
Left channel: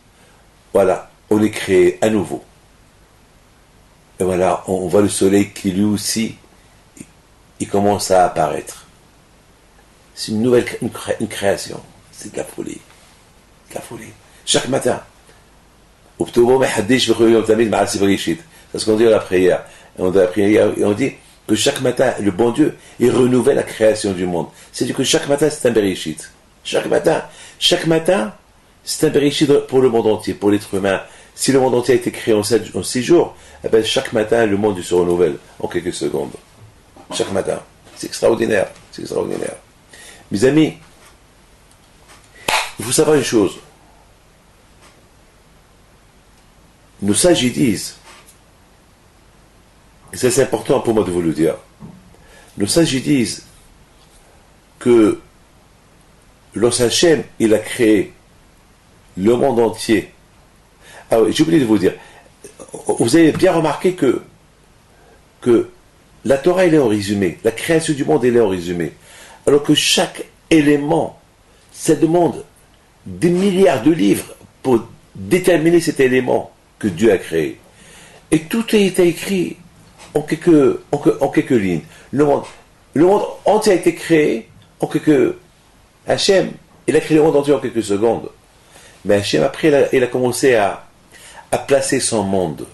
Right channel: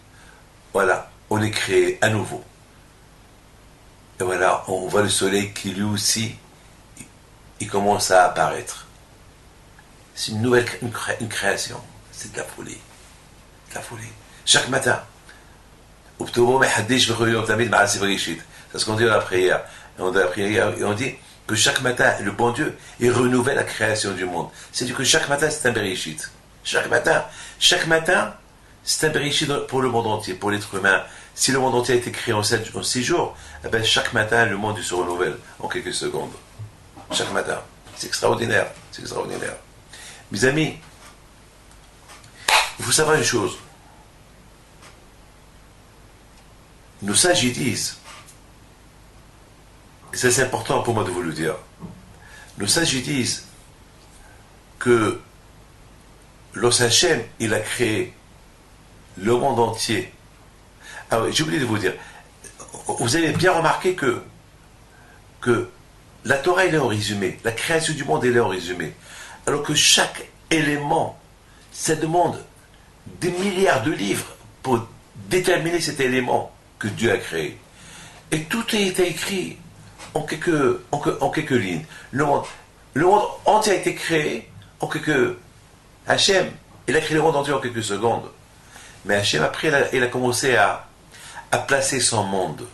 Voilà. On est créé à nouveau. Et voilà, on voit le soleil qui lui aussi, il commence à apparaître. C'est une nouvelle, une création. C'est de la folie. De la folie. Chaque matin. C'est ce qu'on dit dans la prière. On dit que chaque matin, le bon Dieu, il renouvelle la création du monde. C'est-à-dire que chaque matin, c'est un Bereshit. Chaque matin, c'est un Bereshit pour le monde entier, pour l'être humain. Si le monde entier a été créé en 6 jours, eh ben chaque matin, le monde il se renouvelle en quelques secondes. Chaque matin. C'est extraordinaire. C'est extraordinaire. Mes amis, il faut savoir une chose. Nos sages ils disent, et ça c'est important pour moi de vous le dire, nos sages ils disent que lorsqu'Hachem il a créé le monde entier. Ah oui, j'ai oublié de vous dire, vous avez bien remarqué que la Torah elle est en résumé, la création du monde elle est en résumé, alors que chaque élément, ça demande des milliards de livres pour déterminer cet élément que Dieu a créé. Et tout a été écrit en quelques lignes. Le monde entier a été créé en quelques... Hachem, il a créé le monde entier en quelques secondes. Mais Hachem, après, il a commencé à placer son monde.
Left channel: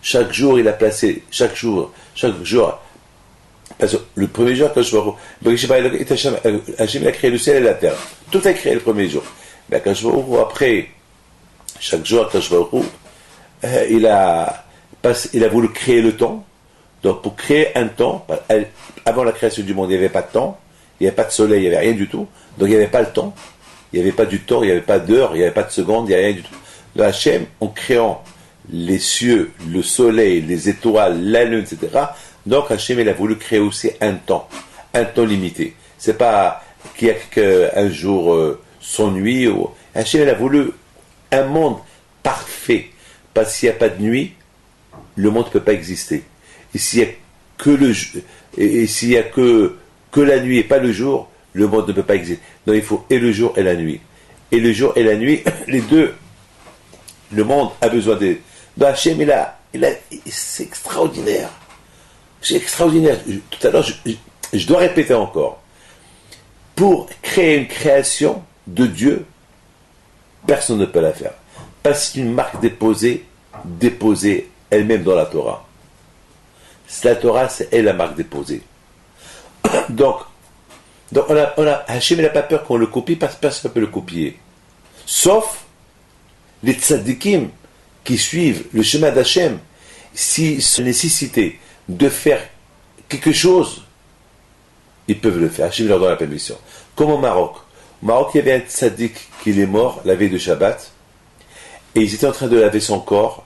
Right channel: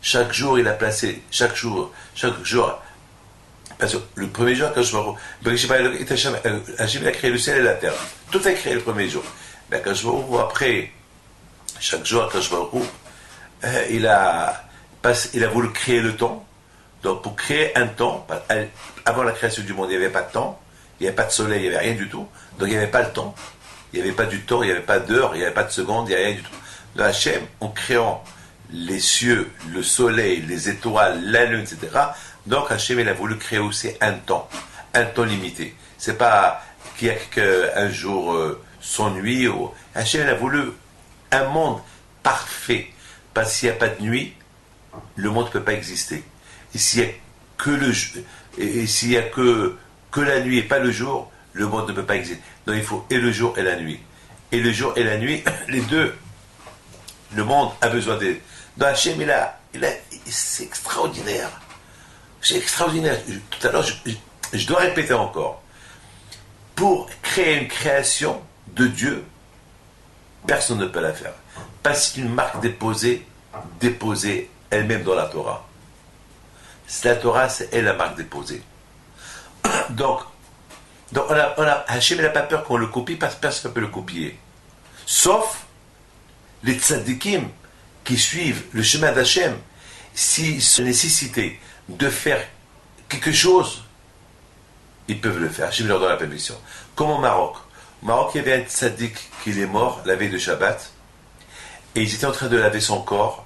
Chaque jour, il a placé, chaque jour. Parce que le premier jour, quand je vois, Hachem, il a créé le ciel et la terre. Tout a créé le premier jour. Mais quand je vois, après, chaque jour, quand je vois, il a voulu créer le temps. Donc, pour créer un temps, avant la création du monde, il n'y avait pas de temps, il n'y avait pas de soleil, il n'y avait rien du tout. Donc, il n'y avait pas le temps, il n'y avait pas du temps, il n'y avait pas d'heure, il n'y avait pas de seconde, il n'y avait rien du tout. Le Hachem, en créant les cieux, le soleil, les étoiles, la lune, etc. Donc, Hachem, il a voulu créer aussi un temps limité. C'est pas qu'il y a un jour sans nuit. Hachem, il a voulu un monde parfait. Parce qu'il n'y a pas de nuit, le monde ne peut pas exister. Et s'il n'y a que la nuit et pas le jour, le monde ne peut pas exister. Donc il faut et le jour et la nuit. Et le jour et la nuit, les deux, le monde a besoin de... Donc Hachem, c'est extraordinaire. C'est extraordinaire. Tout à l'heure, je dois répéter encore. Pour créer une création de Dieu, personne ne peut la faire. Parce qu'une marque déposée elle-même dans la Torah. La Torah, c'est elle la marque déposée. Donc Hachem n'a pas peur qu'on le copie parce que personne ne peut le copier. Sauf les tzadikim qui suivent le chemin d'Hachem. S'ils se nécessitaient de faire quelque chose, ils peuvent le faire. Hachem leur donne la permission. Comme au Maroc. Au Maroc, il y avait un tzadik qui est mort la veille de Shabbat. Et ils étaient en train de laver son corps.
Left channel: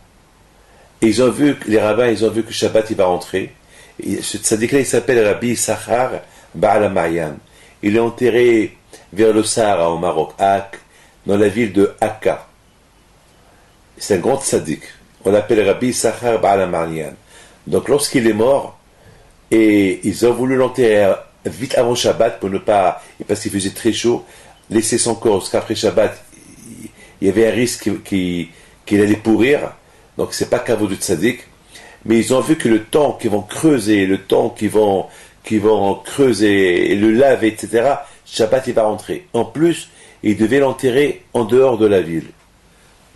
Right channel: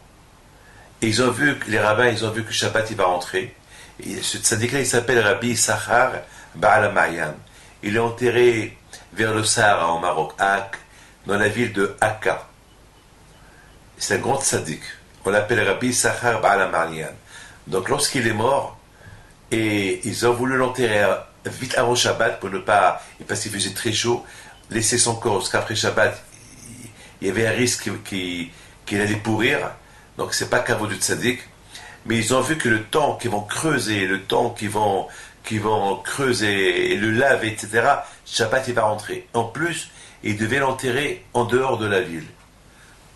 Et les rabbins, ils ont vu que Shabbat, il va rentrer. Et ce tzaddik-là, il s'appelle Rabbi Sachar Baal HaMayan. Il est enterré vers le Sahara au Maroc, dans la ville de Akka. C'est un grand tzaddik. On l'appelle Rabbi Sachar Baal HaMarlian. Donc lorsqu'il est mort, et ils ont voulu l'enterrer vite avant Shabbat pour ne pas, parce qu'il faisait très chaud, laisser son corps, parce qu'après Shabbat, il y avait un risque qu'il allait pourrir. Donc c'est pas caveau du tzaddik. Mais ils ont vu que le temps qu'ils vont creuser, le temps qu'ils vont creuser et le laver, etc., Shabbat il va rentrer. En plus, ils devaient l'enterrer en dehors de la ville.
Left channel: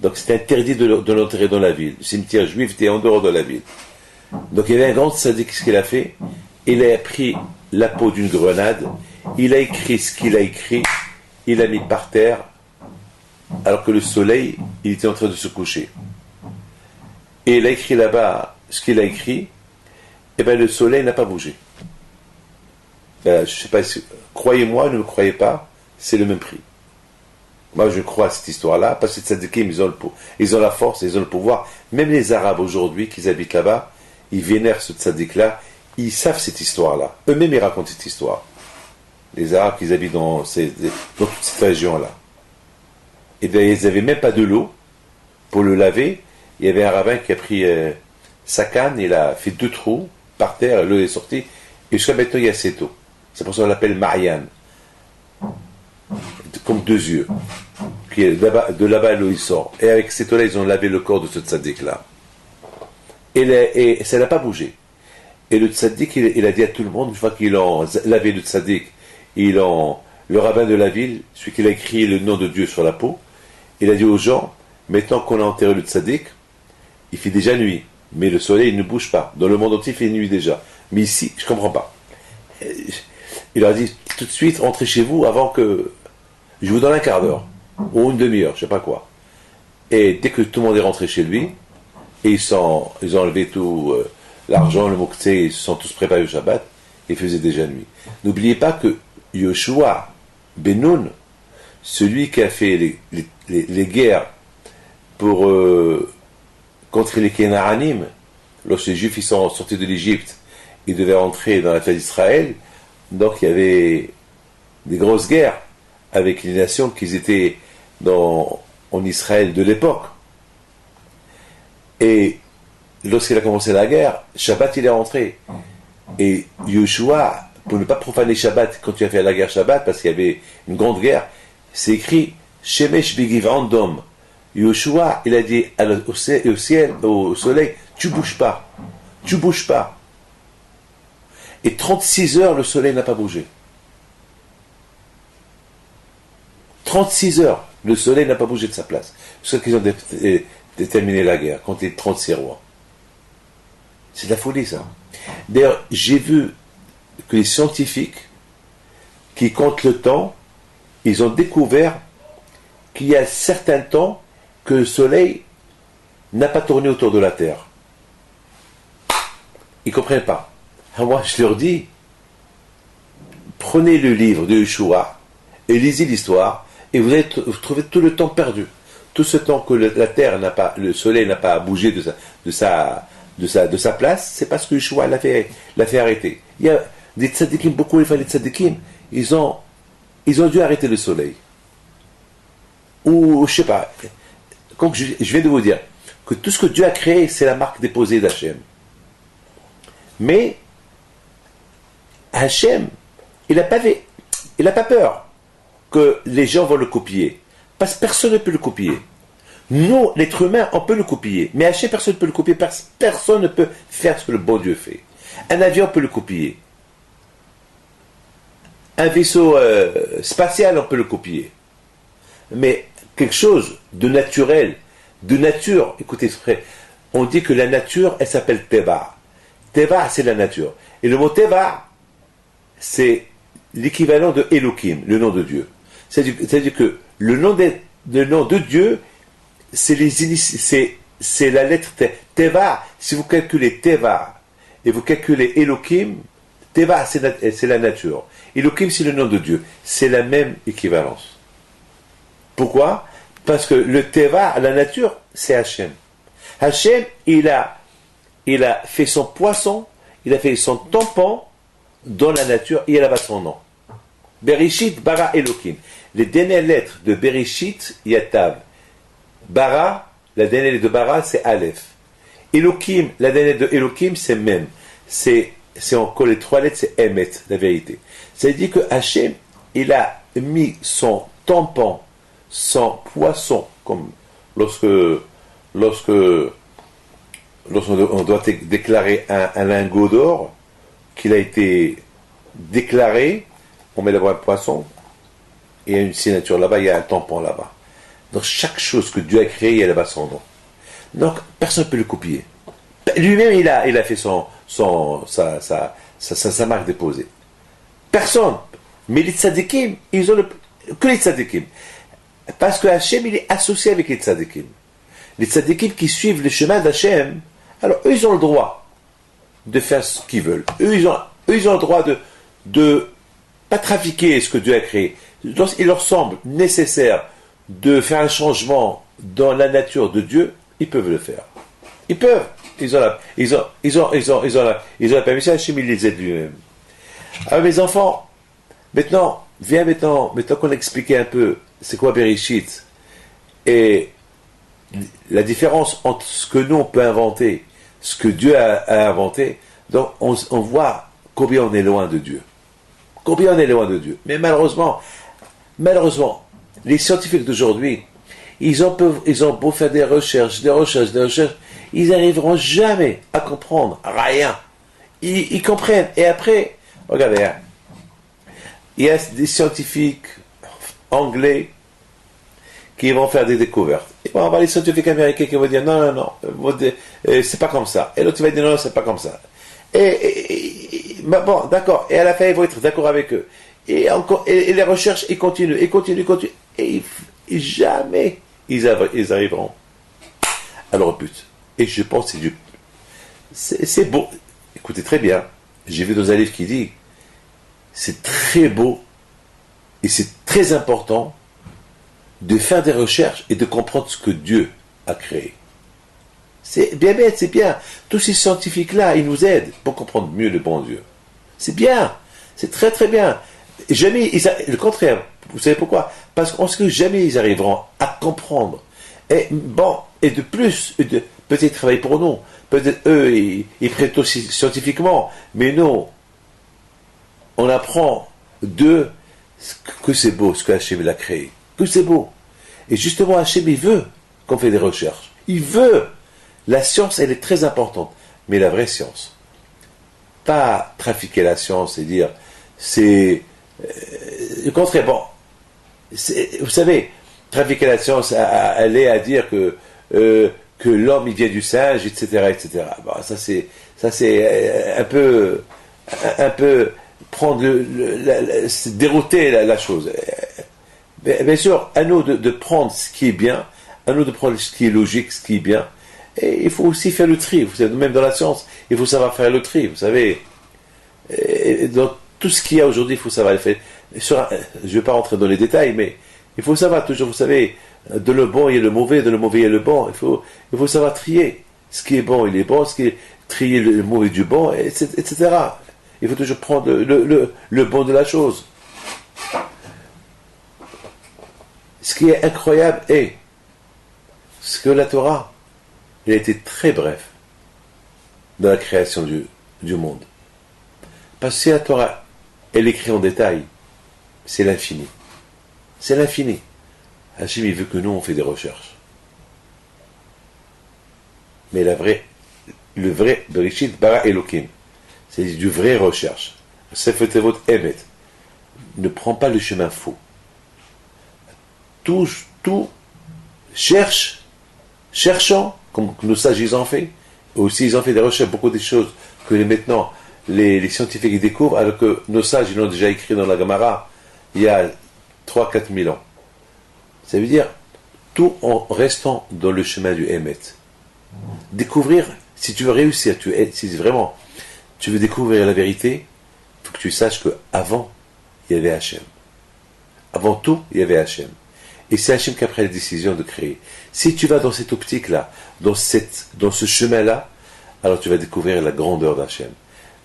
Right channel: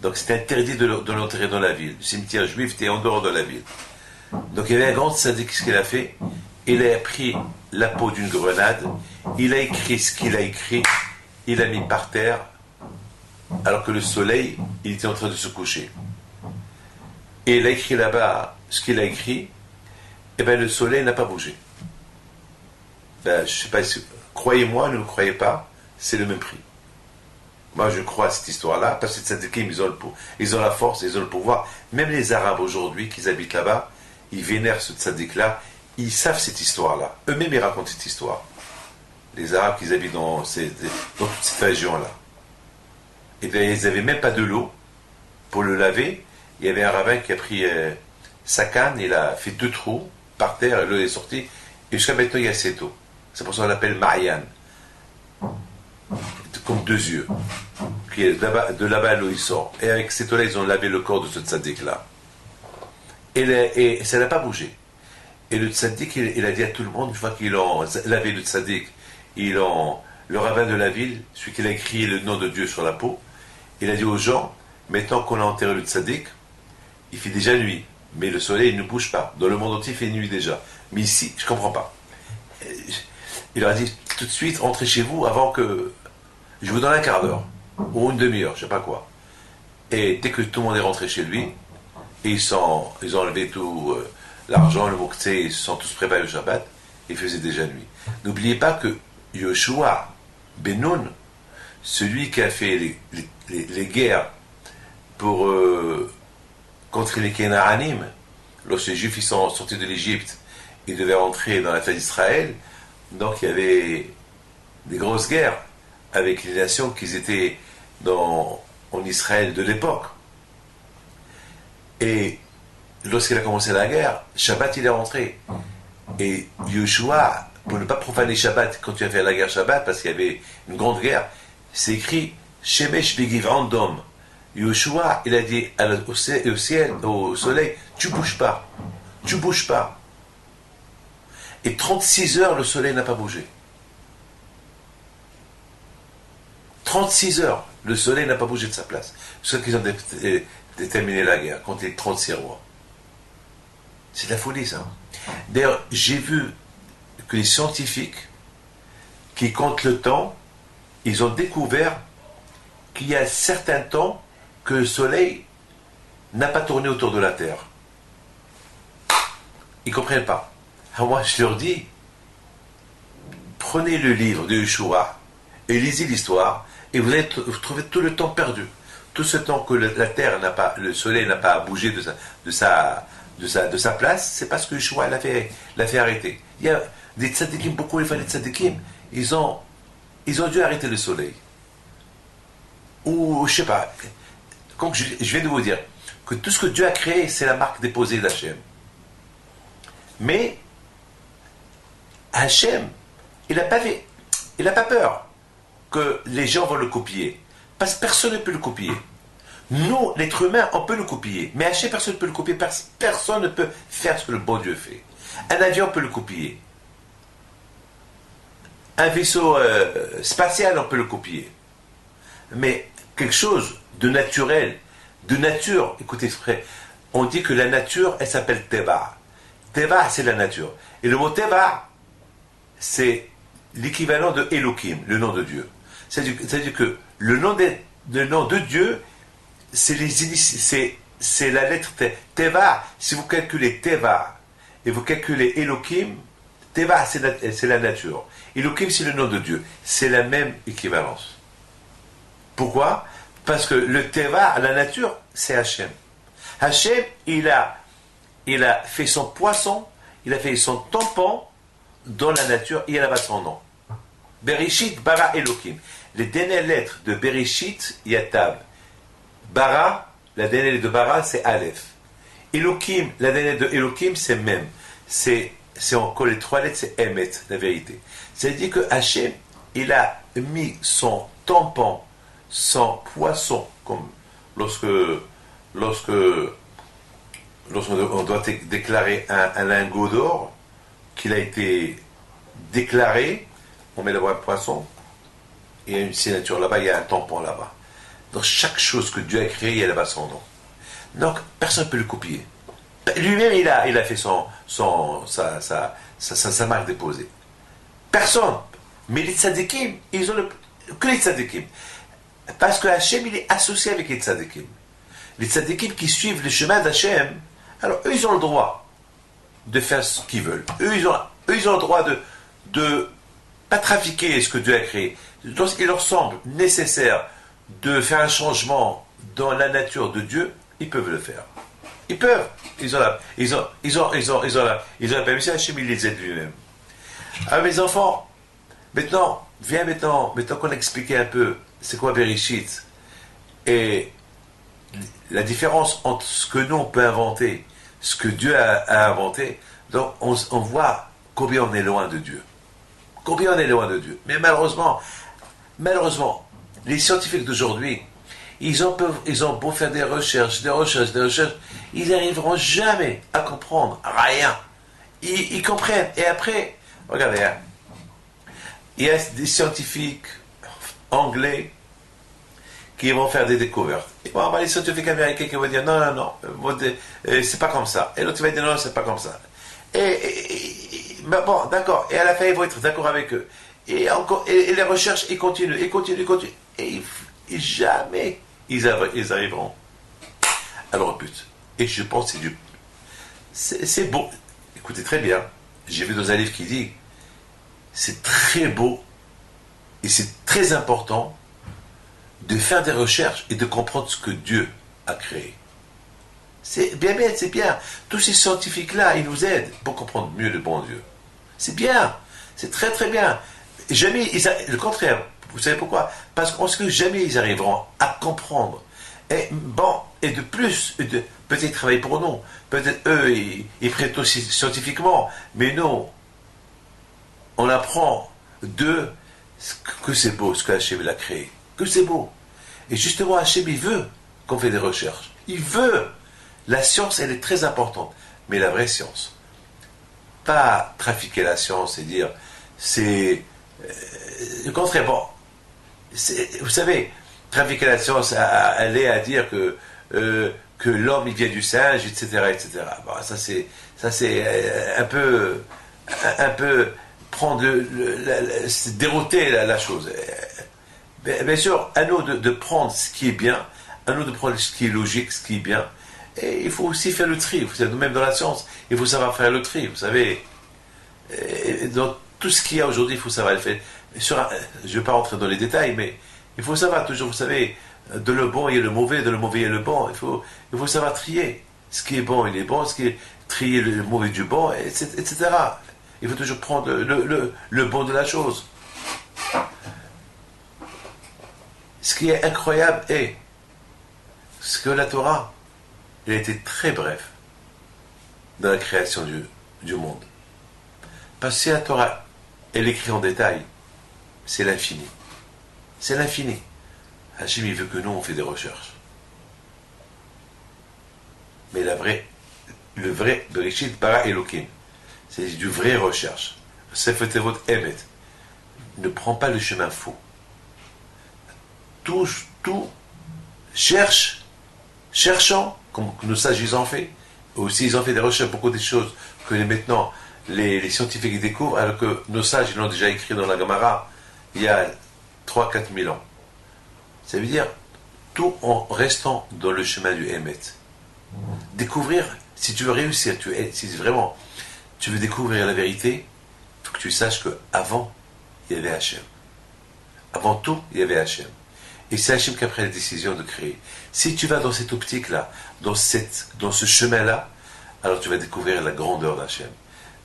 Donc c'était interdit de l'enterrer dans la ville. Le cimetière juif était en dehors de la ville. Donc il y avait un grand tzaddik, ce qu'il a fait. Il a pris la peau d'une grenade, il a écrit ce qu'il a écrit, il l'a mis par terre, alors que le soleil, il était en train de se coucher. Et il a écrit là-bas ce qu'il a écrit, et bien le soleil n'a pas bougé. Ben, je ne sais pas si, croyez-moi, ne me croyez pas, c'est le même prix. Moi, je crois à cette histoire-là, parce que les tzadikim, ils ont la force, ils ont le pouvoir. Même les Arabes aujourd'hui, qui habitent là-bas, ils vénèrent ce tzaddik-là, ils savent cette histoire-là. Eux-mêmes, ils racontent cette histoire. Les Arabes qui habitent dans toute cette région-là. Et bien, ils n'avaient même pas de l'eau pour le laver. Il y avait un rabbin qui a pris sa canne, il a fait 2 trous par terre, et l'eau est sortie. Et jusqu'à maintenant, il y a cette eau. C'est pour ça qu'on l'appelle Marianne. Comme 2 yeux. De là-bas, l'eau, il sort. Et avec cette eau-là, ils ont lavé le corps de ce tzaddik-là. Et ça n'a pas bougé. Et le tzaddik, il a dit à tout le monde, une fois qu'ils ont lavé le tzaddik, le rabbin de la ville, celui qui a écrit le nom de Dieu sur la peau, il a dit aux gens, maintenant qu'on a enterré le tzaddik, il fait déjà nuit, mais le soleil ne bouge pas. Dans le monde entier, il fait nuit déjà. Mais ici, je ne comprends pas. Il leur a dit, tout de suite, rentrez chez vous avant que je vous donne un quart d'heure, ou une demi-heure, je ne sais pas quoi. Et dès que tout le monde est rentré chez lui, et ils ont enlevé tout l'argent, le moktsé, ils se sont tous préparés au Shabbat, il faisait déjà nuit. N'oubliez pas que Yoshua Ben Nun, celui qui a fait les guerres contre les Kénaanim, lorsque les Juifs ils sont sortis de l'Égypte, ils devaient entrer dans la terre d'Israël, donc il y avait des grosses guerres avec les nations qui étaient en Israël de l'époque. Et lorsqu'il a commencé la guerre, Shabbat il est rentré. Et Yoshua, pour ne pas profaner Shabbat, quand il a fait la guerre Shabbat, parce qu'il y avait une grande guerre, c'est écrit Shemesh Begiv Andom. Yoshua, il a dit au ciel, au soleil, tu bouges pas. Tu bouges pas. Et 36 heures, le soleil n'a pas bougé. 36 heures, le soleil n'a pas bougé de sa place. C'est ça qu'ils ont déterminé la guerre contre les 36 rois. C'est de la folie, ça. D'ailleurs, j'ai vu que les scientifiques qui comptent le temps, ils ont découvert qu'il y a certains temps que le soleil n'a pas tourné autour de la Terre. Ils ne comprennent pas. Alors moi, je leur dis, prenez le livre de Yeshua et lisez l'histoire, et vous allez trouver tout le temps perdu. Tout ce temps que la Terre n'a pas, le soleil n'a pas bougé de sa place, c'est parce que Yeshua l'a fait arrêter. Il y a des tzadikim, beaucoup de tzadikim, ils ont dû arrêter le soleil. Ou, je sais pas, comme je viens de vous dire, que tout ce que Dieu a créé, c'est la marque déposée d'Hachem. Mais, Hachem, il n'a pas peur que les gens vont le copier. Parce que personne ne peut le copier. Nous, l'être humain, on peut le copier. Mais Hachem, personne ne peut le copier. Personne ne peut faire ce que le bon Dieu fait. Un avion peut le copier. Un vaisseau spatial, on peut le copier. Mais quelque chose de naturel, de nature, écoutez, frère, on dit que la nature, elle s'appelle Teva. Teva, c'est la nature. Et le mot Teva, c'est l'équivalent de Elohim, le nom de Dieu. C'est-à-dire que le nom de Dieu, c'est la lettre Teva. Si vous calculez Teva et vous calculez Elohim, Teva, c'est la nature. Elohim, c'est le nom de Dieu. C'est la même équivalence. Pourquoi? Parce que le Teva, la nature, c'est Hachem. Hachem, il a fait son poisson, il a fait son tampon dans la nature, et il a battu son nom. Bereshit, bara, Elohim. Les dernières lettres de Bereshit, il y a Tav. Bara, la dernière lettre de bara, c'est Aleph. Elohim, la dernière lettre de Elohim, c'est Mem. C'est encore les 3 lettres, c'est Emet, la vérité. Ça veut dire que Hachem, il a mis son tampon, son poisson, comme lorsqu'on doit déclarer un lingot d'or, qu'il a été déclaré, on met là-bas un poisson, et il y a une signature là-bas, il y a un tampon là-bas. Donc chaque chose que Dieu a créée, il y a là-bas son nom. Donc personne ne peut le copier. Lui-même, il a fait sa marque déposée. Personne. Mais les tzadikim, ils ont que les tzadikim. Parce que Hachem, il est associé avec les tzadikim. Les tzadikim qui suivent le chemin d'Hachem, alors eux, ils ont le droit de faire ce qu'ils veulent. Eux, ils ont le droit de pas trafiquer ce que Dieu a créé. Donc, il leur semble nécessaire de faire un changement dans la nature de Dieu, ils peuvent le faire. Ils peuvent. Ils ont la permission. Hachem, il les aide lui-même. Alors, mes enfants, maintenant qu'on a expliqué un peu c'est quoi Bereshit et la différence entre ce que nous on peut inventer, ce que Dieu a inventé, donc on voit combien on est loin de Dieu. Combien on est loin de Dieu. Mais malheureusement, les scientifiques d'aujourd'hui, ils ont beau faire des recherches, ils n'arriveront jamais à comprendre rien. Ils comprennent. Et après, regardez, hein, il y a des scientifiques anglais qui vont faire des découvertes. Et bon, on va les scientifiques américains qui vont dire non, c'est pas comme ça. Et l'autre va dire non, c'est pas comme ça. Mais bon, d'accord. Et à la fin, ils vont être d'accord avec eux. Et encore, et les recherches, ils continuent. Et jamais ils arriveront à leur but. Et je pense que c'est beau. Écoutez très bien. J'ai vu dans un livre qui dit c'est très beau et c'est très important de faire des recherches et de comprendre ce que Dieu a créé. C'est bien bête, c'est bien. Tous ces scientifiques-là, ils nous aident pour comprendre mieux le bon Dieu. C'est bien. C'est très très bien. Et jamais, le contraire. Vous savez pourquoi? Parce que jamais ils arriveront à comprendre. Et bon, et de plus, peut-être ils travaillent pour nous. Peut-être eux, ils prêtent aussi scientifiquement. Mais nous, on apprend d'eux que c'est beau ce qu'Hachem a créé. Que c'est beau. Et justement, Hachem, il veut qu'on fait des recherches. Il veut. La science, elle est très importante. Mais la vraie science. Pas trafiquer la science et dire, c'est le contraire. Bon, vous savez, trafiquer la science, elle est à dire que l'homme, il vient du singe, etc., etc. Bon, ça c'est un peu prendre c'est dérouter la chose. Bien sûr, à nous de prendre ce qui est bien, à nous de prendre ce qui est logique, ce qui est bien. Et il faut aussi faire le tri. Vous savez, même dans la science, il faut savoir faire le tri. Vous savez, dans tout ce qu'il y a aujourd'hui, il faut savoir le faire. Je ne vais pas rentrer dans les détails, mais il faut savoir toujours, vous savez, de le bon il y a le mauvais, de le mauvais il y a le bon. Il faut savoir trier. Ce qui est bon, il est bon. Ce qui est trier le mauvais du bon, etc. Il faut toujours prendre le bon de la chose. Ce qui est incroyable est ce que la Torah, il a été très bref dans la création du monde. Parce que si la Torah, elle écrit en détail, c'est l'infini. C'est l'infini. Hachem, il veut que nous, on fait des recherches. Mais le vrai Bereshit bara Elohim, c'est du vrai recherche. Sefer votre Emet. Ne prends pas le chemin faux. Tout cherchant, comme nos sages ils ont fait, aussi ils ont fait des recherches, beaucoup de choses que maintenant les scientifiques découvrent, alors que nos sages ils l'ont déjà écrit dans la Gemara il y a 3-4 000 ans. Ça veut dire tout en restant dans le chemin du Emet. Découvrir, si tu veux réussir, si vraiment tu veux découvrir la vérité, il faut que tu saches qu'avant, il y avait Hachem. Avant tout, il y avait Hachem. Et c'est Hachem qui a pris la décision de créer. Si tu vas dans cette optique-là, dans ce chemin-là, alors tu vas découvrir la grandeur d'Hachem.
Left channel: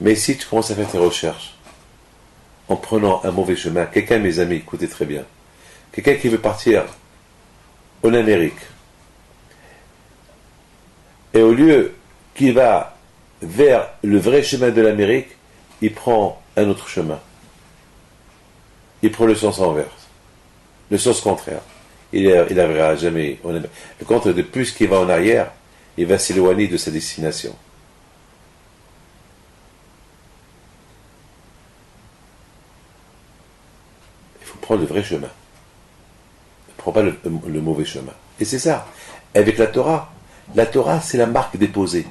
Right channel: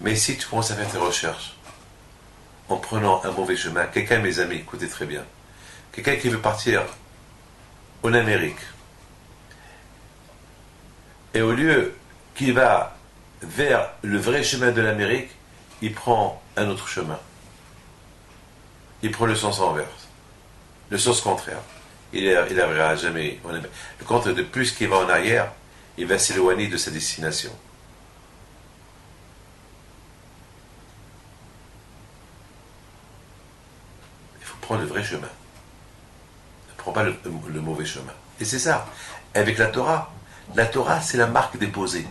Mais si tu commences à faire tes recherches, en prenant un mauvais chemin. Quelqu'un, mes amis, écoutez très bien. Quelqu'un qui veut partir en Amérique. Et au lieu qu'il va vers le vrai chemin de l'Amérique, il prend un autre chemin. Il prend le sens inverse. Le sens contraire. Il n'arrivera jamais en Amérique. Le contraire, de plus qu'il va en arrière, il va s'éloigner de sa destination. Il faut prendre le vrai chemin. Ne prends pas le mauvais chemin. Et c'est ça. Avec la Torah, c'est la marque déposée.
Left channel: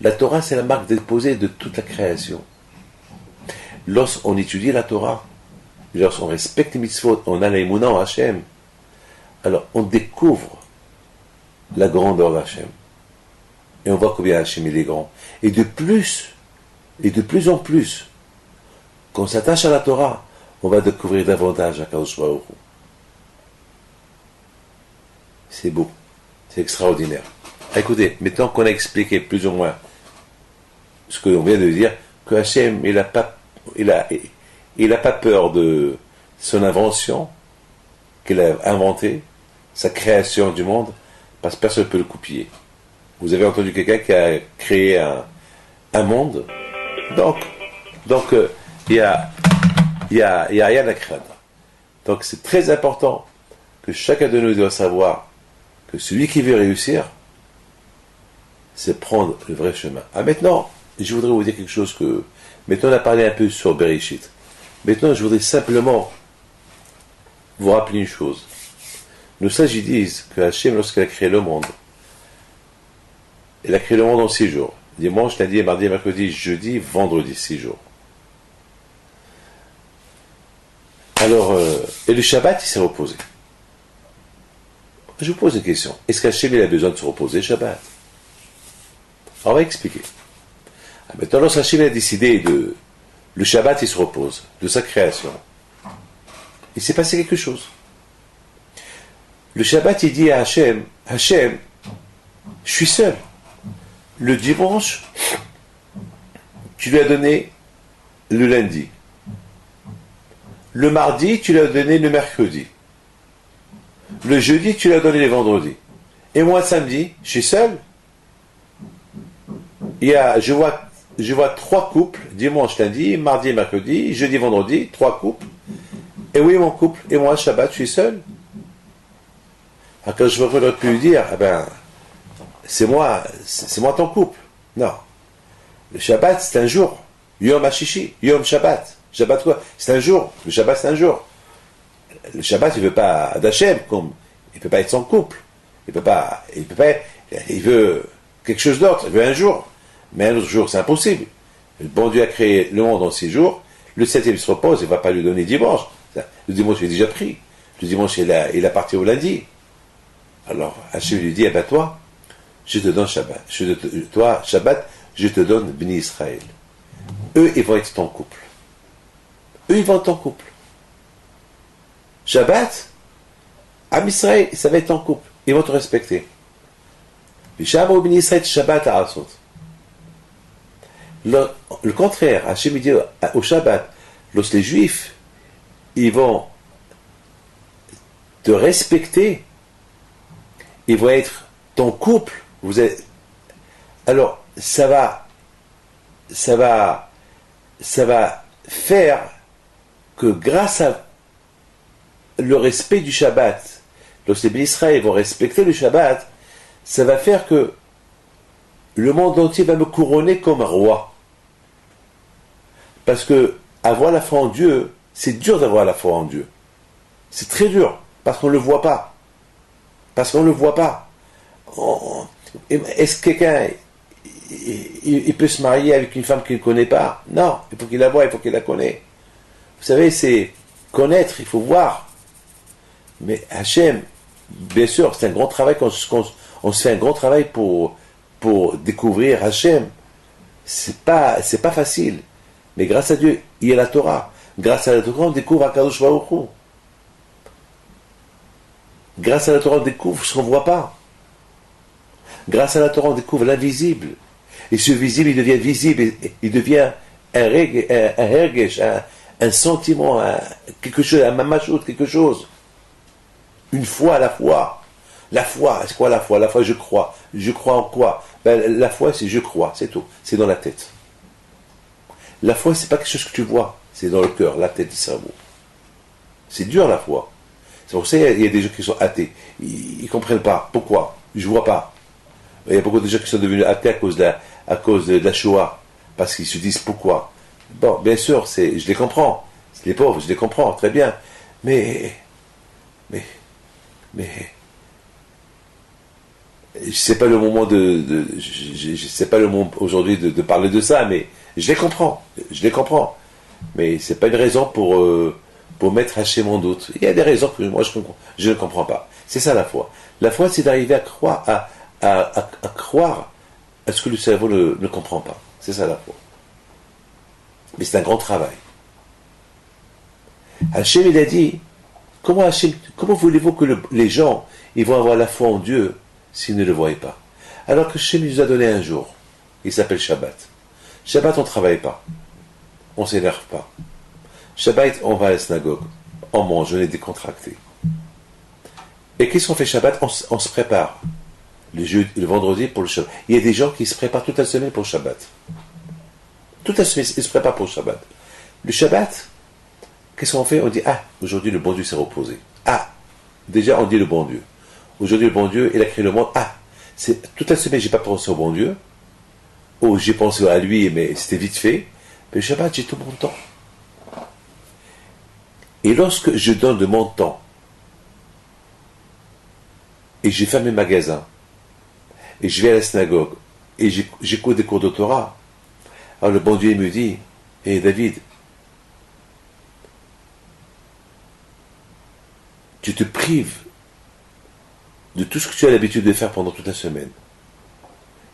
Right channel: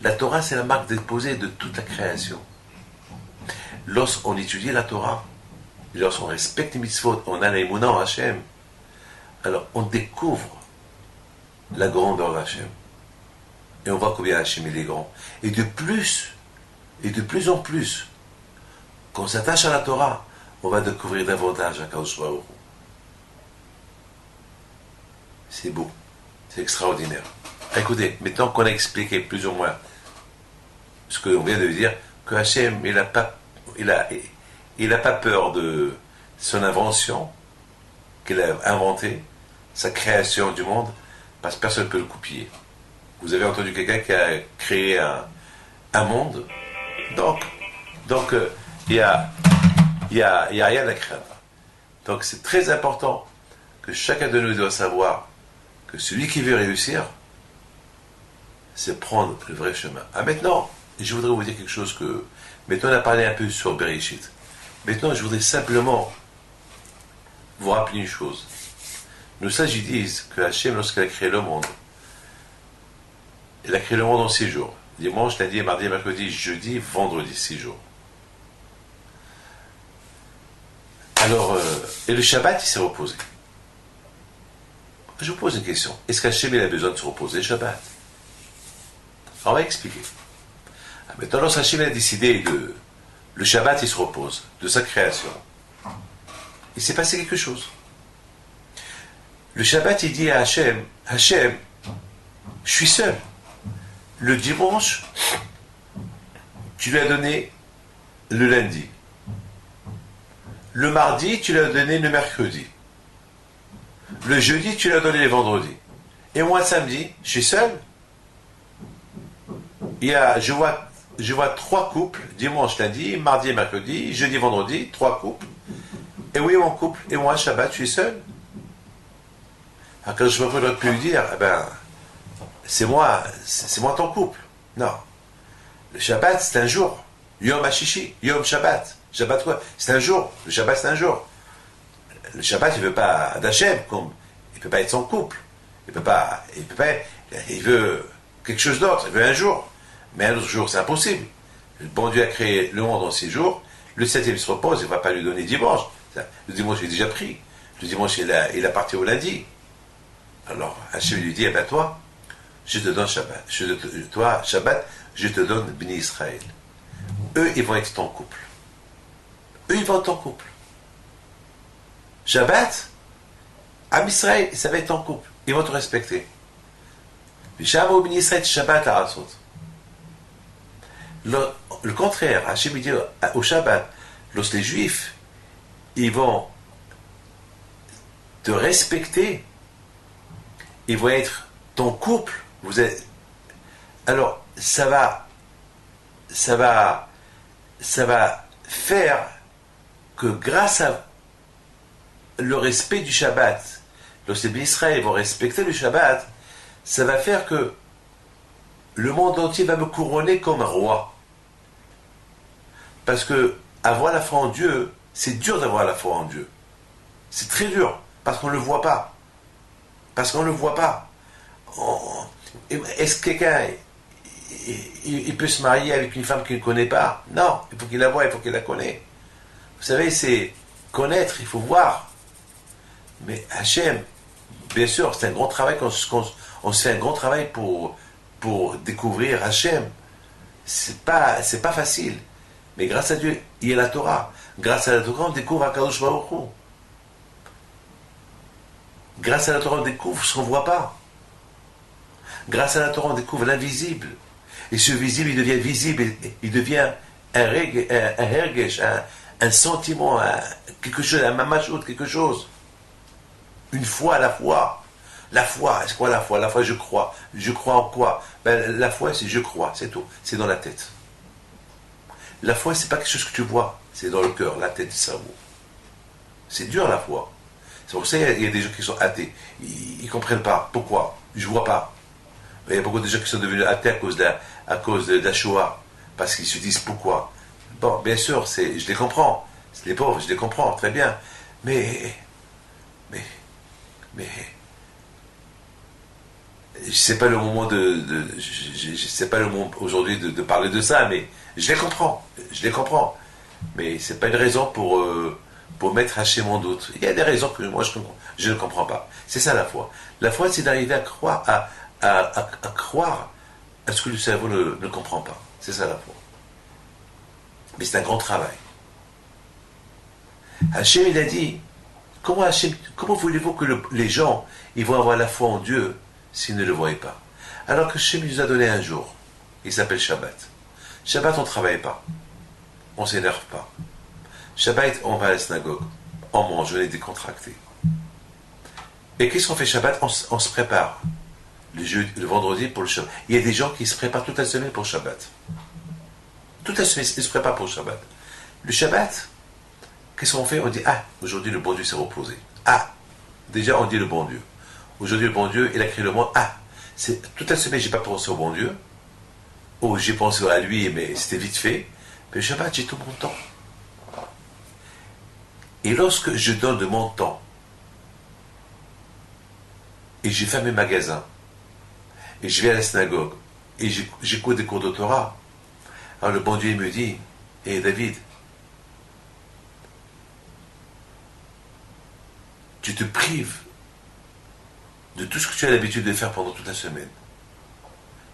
La Torah, c'est la marque déposée de toute la création. Lorsqu'on étudie la Torah, lorsqu'on respecte les mitzvot, on a l'aïmouna en Hachem, alors on découvre la grandeur d'Hachem. Et on voit combien Hachem il est grand. Et de plus en plus, quand on s'attache à la Torah, on va découvrir davantage Akadosh Baruch Hu. C'est beau, c'est extraordinaire. Écoutez, maintenant qu'on a expliqué plus ou moins ce que l'on vient de dire, que Hachem, il n'a pas peur de son invention, qu'il a inventée, sa création du monde, parce que personne ne peut le copier. Vous avez entendu quelqu'un qui a créé un monde, donc il y a rien à craindre. Donc c'est très important que chacun de nous doit savoir que celui qui veut réussir, c'est prendre le vrai chemin. Ah, maintenant, je voudrais vous dire quelque chose que... Maintenant, on a parlé un peu sur Bereshit. Maintenant, je voudrais simplement vous rappeler une chose. Nos sages disent que Hachem, lorsqu'il a créé le monde, il a créé le monde en 6 jours. Dimanche, lundi, mardi, mercredi, jeudi, vendredi, 6 jours. Alors, et le Shabbat, il s'est reposé. Je vous pose une question. Est-ce qu'Hachem, il a besoin de se reposer le Shabbat? Alors, on va expliquer. Maintenant, lorsqu'Hachem a décidé le Shabbat, il se repose de sa création. Il s'est passé quelque chose. Le Shabbat, il dit à Hachem, Hachem, je suis seul. Le dimanche, tu lui as donné le lundi. Le mardi, tu lui as donné le mercredi. Le jeudi, tu lui as donné le vendredi. Et moi, samedi, je suis seul. Je vois 3 couples, dimanche, lundi, mardi, mercredi, jeudi, vendredi, 3 couples. Et oui, mon couple, et moi, Shabbat, je suis seul. Alors, quand je aurais pu lui dire, c'est moi ton couple. Non. Le Shabbat, c'est un jour. Yom HaShishi, Yom Shabbat. Shabbat quoi? C'est un jour. Le Shabbat, c'est un jour. Le Shabbat, il veut pas d'Hachem, il peut pas être son couple. Il veut quelque chose d'autre. Il veut un jour. Mais un autre jour, c'est impossible. Le bon Dieu a créé le monde en 6 jours. Le 7e, il se repose. Il ne va pas lui donner dimanche. Le dimanche, il est déjà pris. Le dimanche, il a parti au lundi. Alors, Hachem lui dit, toi, je te donne Shabbat. Toi, Shabbat, je te donne Bni Israël. Eux, ils vont être ton couple. Eux, ils vont être ton couple. Shabbat, Am Israël, ça va être ton couple. Ils vont te respecter. Vishamo Bni Israël, Shabbat à Asot. Le contraire, Hachem dit au Shabbat, lorsque les Juifs, ils vont te respecter, ils vont être ton couple. Alors, ça va faire que grâce à le respect du Shabbat, lorsque les Bénis Israël vont respecter le Shabbat, ça va faire que le monde entier va me couronner comme roi. Parce que avoir la foi en Dieu, c'est dur d'avoir la foi en Dieu. C'est très dur, parce qu'on ne le voit pas. Est-ce que quelqu'un il peut se marier avec une femme qu'il ne connaît pas? Non, il faut qu'il la voie, il faut qu'il la connaisse. Vous savez, c'est connaître, il faut voir. Mais Hachem, bien sûr, c'est un grand travail, on se fait un grand travail pour découvrir Hachem. C'est pas facile. Mais grâce à Dieu, il y a la Torah. Grâce à la Torah, on découvre Akadosh Baruch Hu. Grâce à la Torah, on découvre ce qu'on ne voit pas. Grâce à la Torah, on découvre l'invisible. Et ce visible, il devient visible. Il devient un hergesh, un sentiment, quelque chose, un mamachout, quelque chose. Une foi à la foi. La foi, c'est quoi la foi? La foi, je crois. Je crois en quoi? La foi, c'est je crois, c'est tout. C'est dans la tête. La foi, c'est pas quelque chose que tu vois. C'est dans le cœur, la tête, le cerveau. C'est dur, la foi. C'est pour ça qu'il y a des gens qui sont athées. Ils comprennent pas. Pourquoi? Je vois pas. Il y a beaucoup de gens qui sont devenus athées à cause de la Shoah. Parce qu'ils se disent pourquoi. Bon, bien sûr, je les comprends. Les pauvres, je les comprends, très bien. Mais c'est pas le moment c'est pas le moment aujourd'hui de parler de ça, mais je les comprends. Mais c'est pas une raison pour mettre Hachem en doute. Il y a des raisons que moi je ne comprends pas. C'est ça la foi. La foi, c'est d'arriver à croire, à croire à ce que le cerveau ne comprend pas. C'est ça la foi. Mais c'est un grand travail. Hachem, il a dit, comment voulez-vous que les gens ils vont avoir la foi en Dieu s'ils ne le voient pas? Alors que Hachem nous a donné un jour. Il s'appelle Shabbat. Shabbat, on ne travaille pas. On ne s'énerve pas. Shabbat, on va à la synagogue. On mange, on est décontracté. Et qu'est-ce qu'on fait Shabbat? On se prépare. Le vendredi pour le Shabbat. Il y a des gens qui se préparent toute la semaine pour le Shabbat. Toute la semaine, ils se préparent pour le Shabbat. Le Shabbat, qu'est-ce qu'on fait? On dit, aujourd'hui le bon Dieu s'est reposé. Déjà on dit le bon Dieu. Aujourd'hui le bon Dieu, il a créé le monde. Toute la semaine, j'ai pas pensé au bon Dieu. J'ai pensé à lui, mais c'était vite fait. Mais le Shabbat, j'ai tout mon temps. Et lorsque je donne de mon temps, et j'ai fermé mes magasins, et je vais à la synagogue, et j'écoute des cours de Torah, alors le bon Dieu me dit, David, tu te prives de tout ce que tu as l'habitude de faire pendant toute la semaine.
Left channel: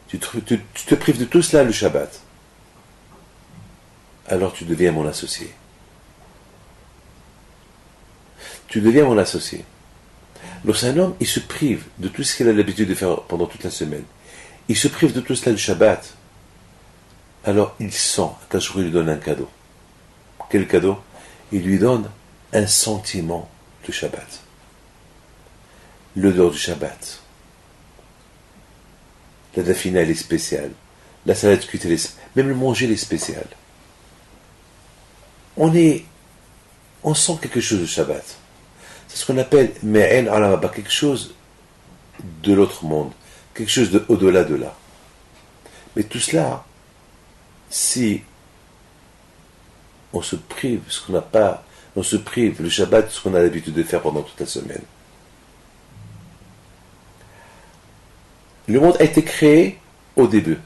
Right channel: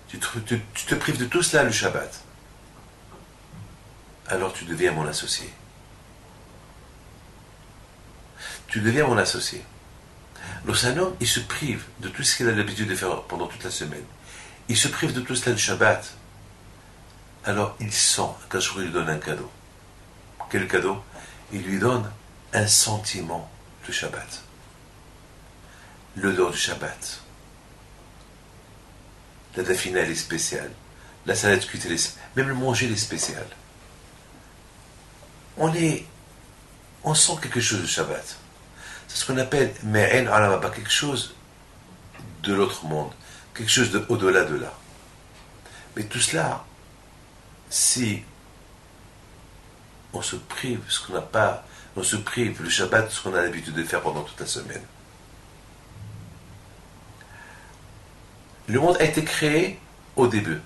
Tu te prives de tout cela le Shabbat. Alors tu deviens mon associé. Tu deviens mon associé. Lorsqu'un homme, il se prive de tout ce qu'il a l'habitude de faire pendant toute la semaine, il se prive de tout cela le Shabbat, alors il sent qu'un jour il lui donne un cadeau. Quel cadeau? Il lui donne un sentiment de Shabbat. L'odeur du Shabbat. La dafina, elle est spéciale. La salade cuite, même le manger, elle est spécial. On sent quelque chose de Shabbat. C'est ce qu'on appelle me'en alamaba, quelque chose de l'autre monde, quelque chose de au-delà de là. Mais tout cela, si on se prive ce qu'on n'a pas, on se prive le Shabbat, ce qu'on a l'habitude de faire pendant toute la semaine. Le monde a été créé au début.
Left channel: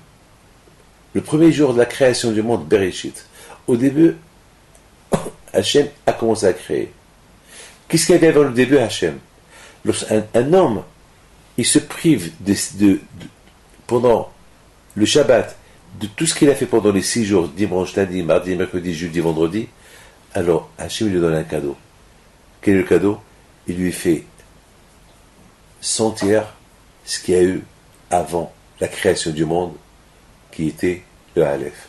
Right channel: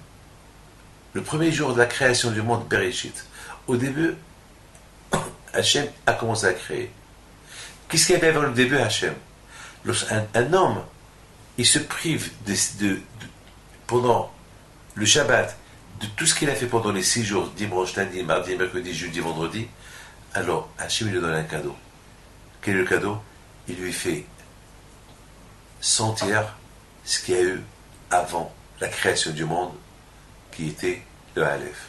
Le premier jour de la création du monde, Bereshit. Au début, Hachem a commencé à créer. Qu'est-ce qu'il y avait avant le début, Hachem? Un homme, il se prive pendant le Shabbat de tout ce qu'il a fait pendant les 6 jours, dimanche, lundi, mardi, mercredi, jeudi, vendredi. Alors Hachem lui donne un cadeau. Quel est le cadeau? Il lui fait sentir ce qu'il y a eu avant la création du monde, qui était le Aleph.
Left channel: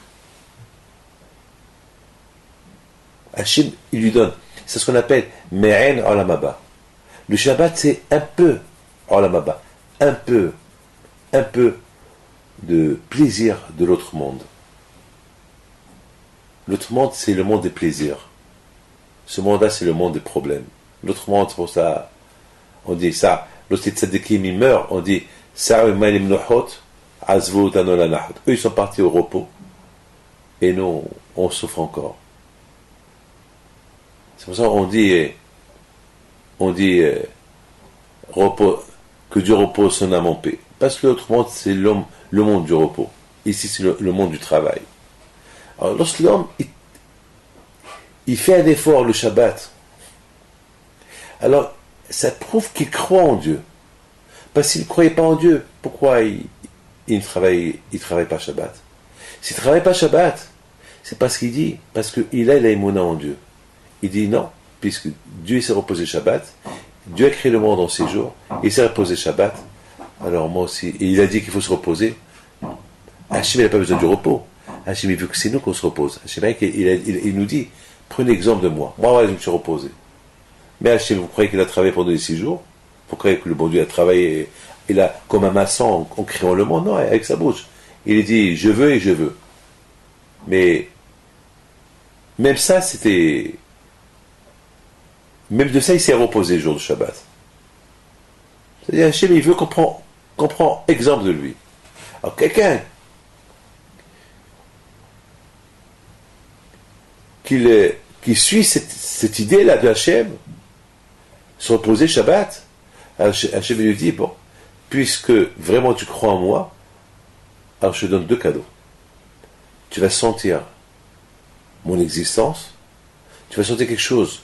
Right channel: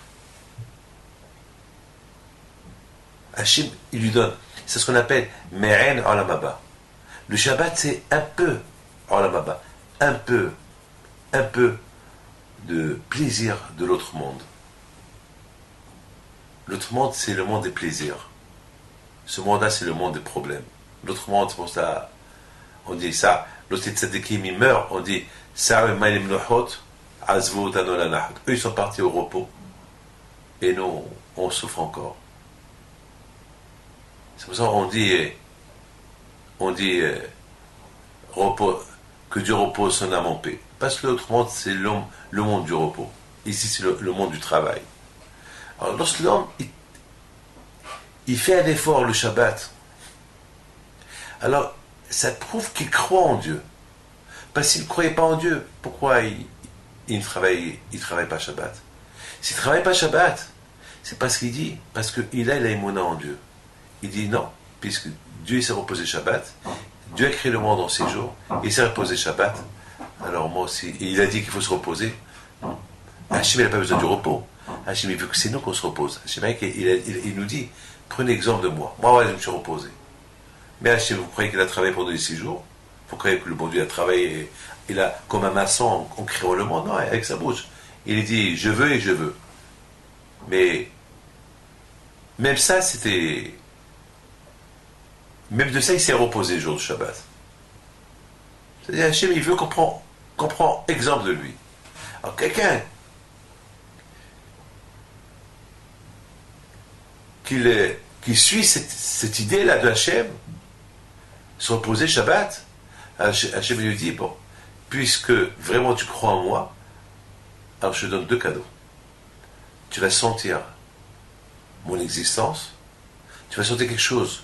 Hachem, il lui donne. C'est ce qu'on appelle Me'en Olamaba. Le Shabbat, c'est un peu Olamaba. Un peu de plaisir de l'autre monde. L'autre monde, c'est le monde des plaisirs. Ce monde-là, c'est le monde des problèmes. L'autre monde, c'est pour ça, on dit ça. Lorsque les tzadikim, ils meurent, on dit eux, ils sont partis au repos. Et nous, on souffre encore. C'est pour ça qu'on dit, repos, que Dieu repose son âme en paix. Parce que l'autre monde, c'est le monde du repos. Ici, c'est le monde du travail. Alors, lorsque l'homme, il fait un effort le Shabbat, alors, ça prouve qu'il croit en Dieu. Parce qu'il ne croyait pas en Dieu, pourquoi il ne travaille pas Shabbat? S'il ne travaille pas Shabbat, c'est parce qu'il a l'aïmouna en Dieu. Il dit non, puisque Dieu s'est reposé Shabbat, Dieu a créé le monde en 6 jours, il s'est reposé Shabbat, alors moi aussi, et il a dit qu'il faut se reposer. Hachem n'a pas besoin du repos. Hachem, il veut que c'est nous qu'on se repose. Hachem, il nous dit, prenez exemple de moi. Moi, ouais, je me suis reposé. Mais Hachem, vous croyez qu'il a travaillé pendant les 6 jours? Vous croyez que le bon Dieu a travaillé, il a, comme un maçon en créant le monde? Non, avec sa bouche. Il a dit, je veux et je veux. Mais, même ça, c'était, même de ça, il s'est reposé le jour du Shabbat. C'est-à-dire, Hachem, il veut qu'on prend exemple de lui. Alors, quelqu'un qui suit cette idée-là de Hachem, se reposer Shabbat, Hachem lui dit, bon, puisque vraiment tu crois en moi, alors je te donne 2 cadeaux. Tu vas sentir mon existence, tu vas sentir quelque chose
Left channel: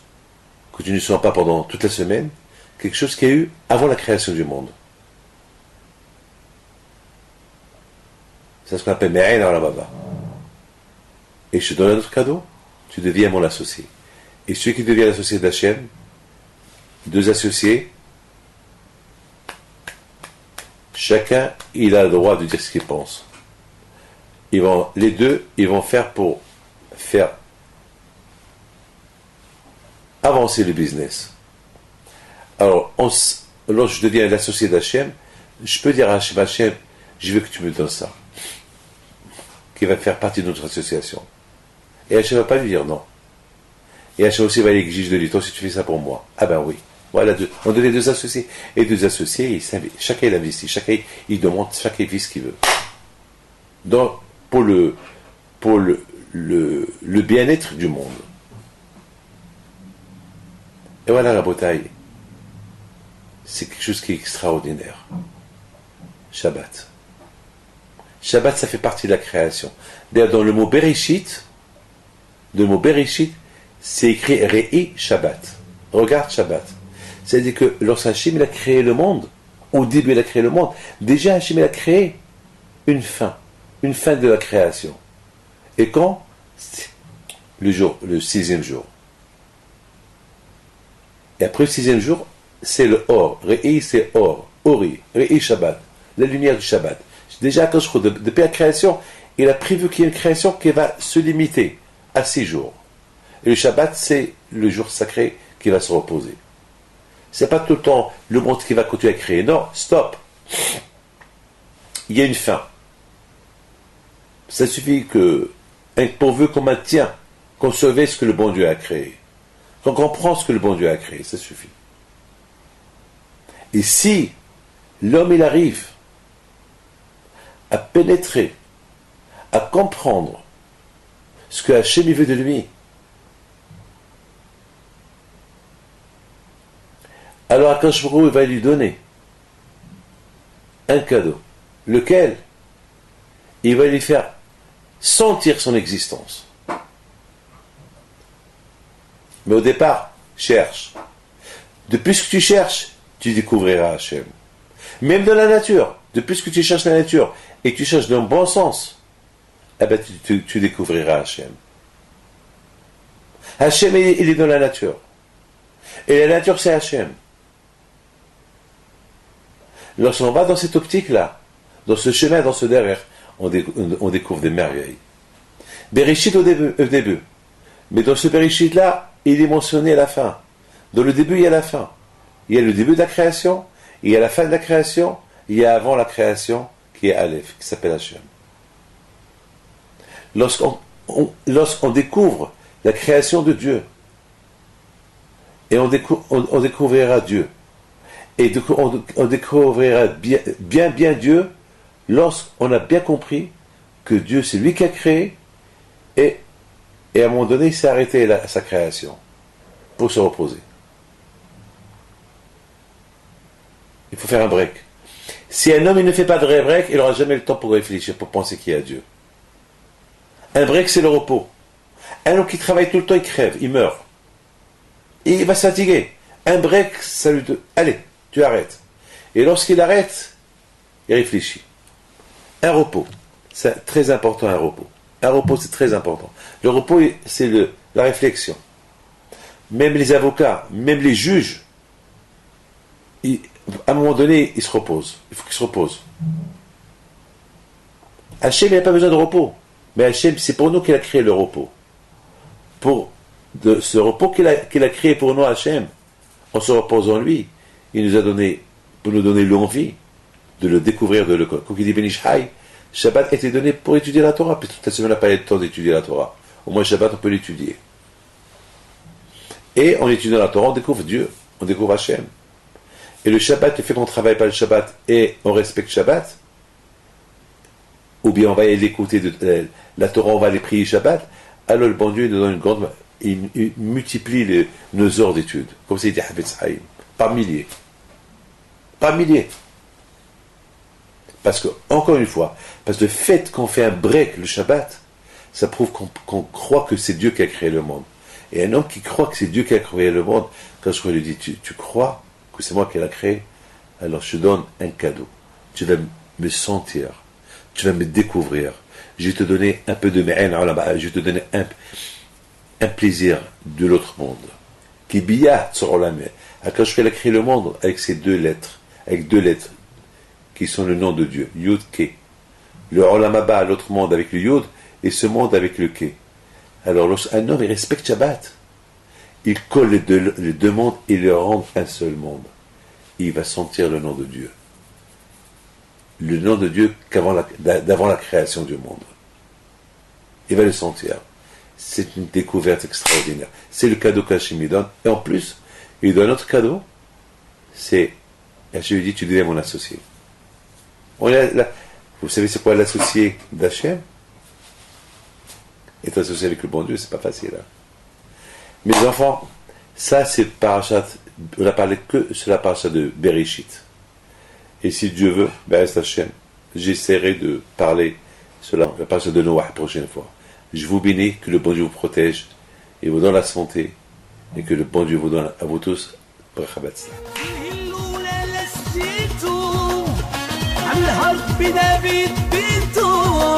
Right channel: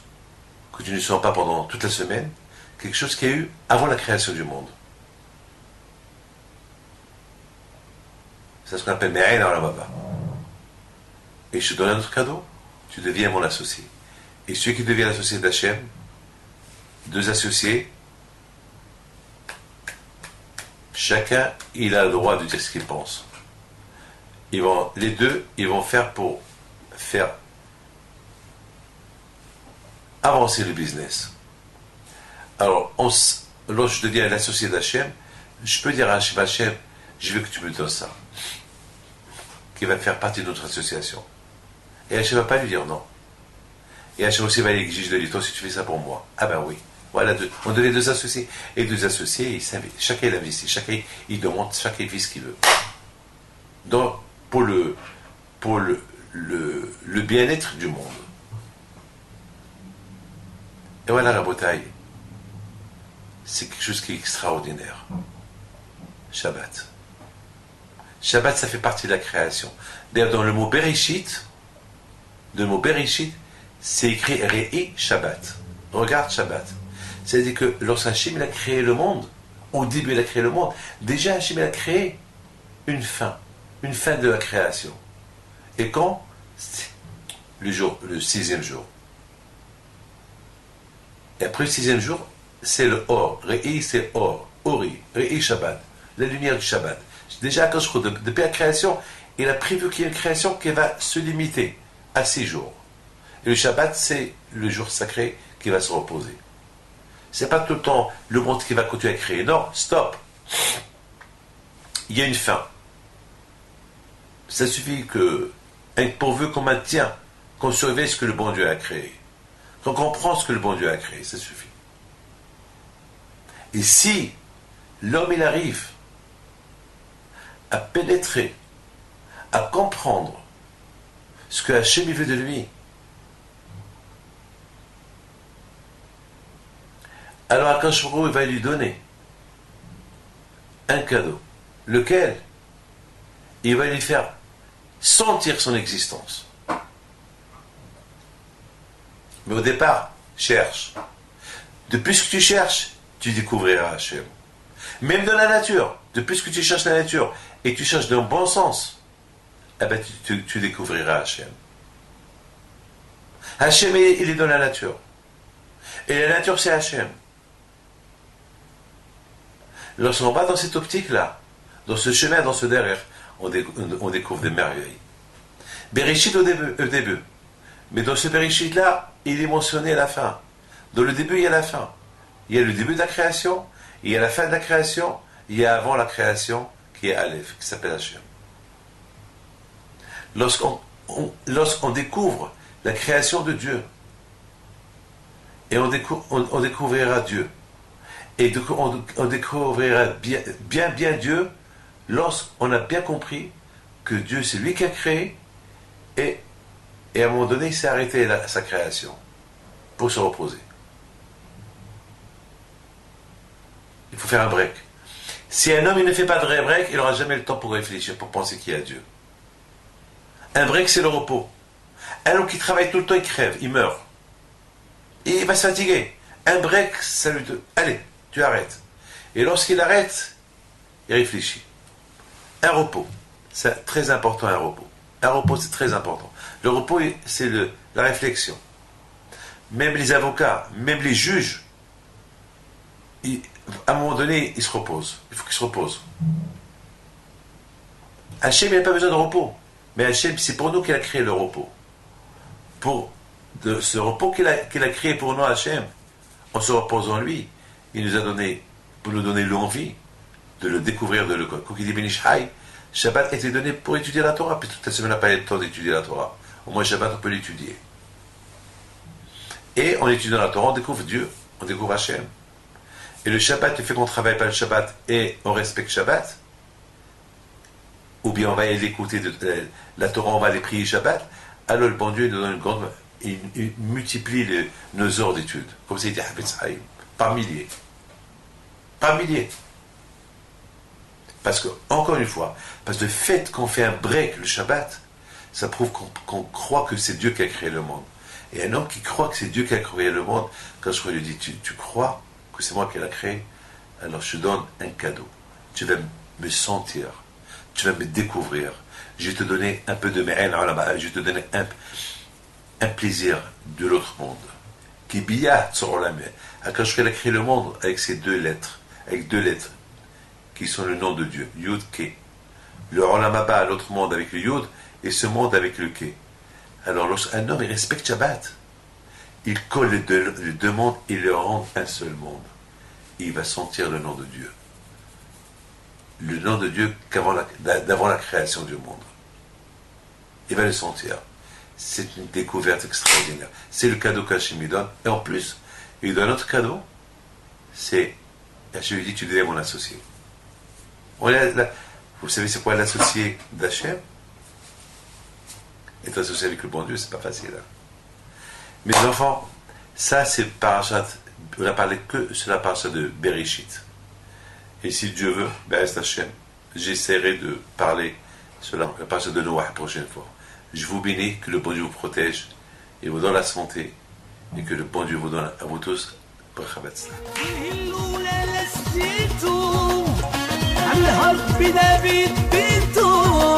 que tu ne sens pas pendant toute la semaine, quelque chose qu'il y a eu avant la création du monde. C'est ce qu'on appelle Me'ain Olam Haba. Et je te donne un autre cadeau, tu deviens mon associé. Et celui qui devient l'associé d'Hachem, 2 associés, chacun, il a le droit de dire ce qu'il pense. Les deux, ils vont faire pour faire avancer le business. Alors, lorsque je deviens l'associé d'Hachem, je peux dire à Hachem, je veux que tu me donnes ça, qui va faire partie de notre association. Et Hachem ne va pas lui dire non. Et Hachem aussi va l'exiger de lui, toi si tu fais ça pour moi. Ah ben oui. Voilà, on devient 2 associés. Et 2 associés, chacun il investit, chacun il demande, chacun il fait ce qu'il veut. Donc, pour le bien-être du monde. Et voilà la bataille. C'est quelque chose qui est extraordinaire. Shabbat. Shabbat, ça fait partie de la création. D'ailleurs, dans le mot Bereshit, c'est écrit Re'i Shabbat. Regarde Shabbat. C'est-à-dire que lorsque Hachem il a créé le monde, au début il a créé le monde, déjà Hachem il a créé une fin de la création. Et quand? Le 6e jour. Et après le 6e jour, c'est le Or. Re'i, c'est Or. Ori. Re'i Shabbat. La lumière du Shabbat. Déjà, depuis la création, il a prévu qu'il y ait une création qui va se limiter à 6 jours. Et le Shabbat, c'est le jour sacré qui va se reposer. C'est pas tout le temps le monde qui va continuer à créer. Non, stop. Il y a une fin. Ça suffit que, pourvu qu'on maintient, qu'on surveille ce que le bon Dieu a créé. Qu'on comprend ce que le bon Dieu a créé, ça suffit. Et si l'homme il arrive à pénétrer, à comprendre ce que Hachem veut de lui, alors Akash Baruch Hu va lui donner un cadeau, lequel il va lui faire sentir son existence. Mais au départ, cherche. De plus que tu cherches, tu découvriras Hachem. Même dans la nature, de plus que tu cherches la nature, et que tu cherches dans le bon sens, eh ben tu découvriras Hachem. Hachem, il est dans la nature. Et la nature, c'est Hachem. Lorsqu'on va dans cette optique-là, dans ce chemin, dans ce derrière, on découvre des merveilles. Bereshit au début. Mais dans ce Bereshit-là, il est mentionné à la fin. Dans le début, il y a la fin. Il y a le début de la création, il y a la fin de la création, il y a avant la création, qui est Aleph, qui s'appelle Hachem. Lorsqu'on découvre la création de Dieu, et on découvrira Dieu, et on découvrira bien Dieu, lorsqu'on a bien compris que Dieu, c'est lui qui a créé, et à un moment donné, il s'est arrêté à sa création, pour se reposer. Il faut faire un break. Si un homme il ne fait pas de vrai break, il n'aura jamais le temps pour réfléchir, pour penser qu'il y a Dieu. Un break, c'est le repos. Un homme qui travaille tout le temps, il crève, il meurt. Et il va se fatiguer. Un break, ça lui dit, allez, tu arrêtes. Et lorsqu'il arrête, il réfléchit. Un repos, c'est très important, un repos. Un repos, c'est très important. Le repos, c'est la réflexion. Même les avocats, même les juges, à un moment donné, ils se reposent. Il faut qu'ils se reposent. Hachem, il n'a pas besoin de repos. Mais Hachem, c'est pour nous qu'il a créé le repos. Pour ce repos qu'il a créé pour nous, Hachem, on se repose en lui. Il nous a donné, pour nous donner l'envie de le découvrir, de le... Quand il dit Benishai, Shabbat a été donné pour étudier la Torah, puis toute la semaine n'a pas eu le temps d'étudier la Torah. Au moins Shabbat, on peut l'étudier. Et en étudiant la Torah, on découvre Dieu, on découvre Hachem. Et le Shabbat, le fait qu'on ne travaille pas le Shabbat et on respecte Shabbat, ou bien on va l'écouter de la Torah, on va les prier Shabbat, alors le bon Dieu il nous donne une grande... Il multiplie nos heures d'études, comme c'est dit Havetz Haïm, par milliers. Par milliers. Parce que, encore une fois, parce que le fait qu'on fait un break le Shabbat, ça prouve qu'on croit que c'est Dieu qui a créé le monde. Et un homme qui croit que c'est Dieu qui a créé le monde, quand je lui dis, tu crois que c'est moi qui l'ai créé, alors je te donne un cadeau. Tu vas me sentir, tu vas me découvrir. Je vais te donner un peu de me'en ulama, je vais te donner un plaisir de l'autre monde. Qui biyat sur ulama. Quand je a créé le monde avec ces deux lettres, qui sont le nom de Dieu, Yud Ke. Le ulama ba, l'autre monde avec le Yud, et ce monde avec le Ke. Alors, lorsqu'un homme il respecte Shabbat, il colle les deux mondes et les rend un seul monde. Et il va sentir le nom de Dieu. Le nom de Dieu d'avant la création du monde. Il va le sentir. C'est une découverte extraordinaire. C'est le cadeau qu'Hachem lui donne. Et en plus, il donne un autre cadeau. C'est, Hachem lui dit, tu deviens mon associé. Vous savez c'est quoi l'associé d'Hachem? Être associé avec le bon Dieu, c'est pas facile. Hein. Mes enfants, ça c'est parachat, on a parlé que sur la parachat de Bereshit. Et si Dieu veut, Be'ez Hachem, j'essaierai de parler sur la parachat de Noah la prochaine fois. Je vous bénis, que le bon Dieu vous protège et vous donne la santé et que le bon Dieu vous donne à vous tous bracha batzlah. الهرب نبيت بيته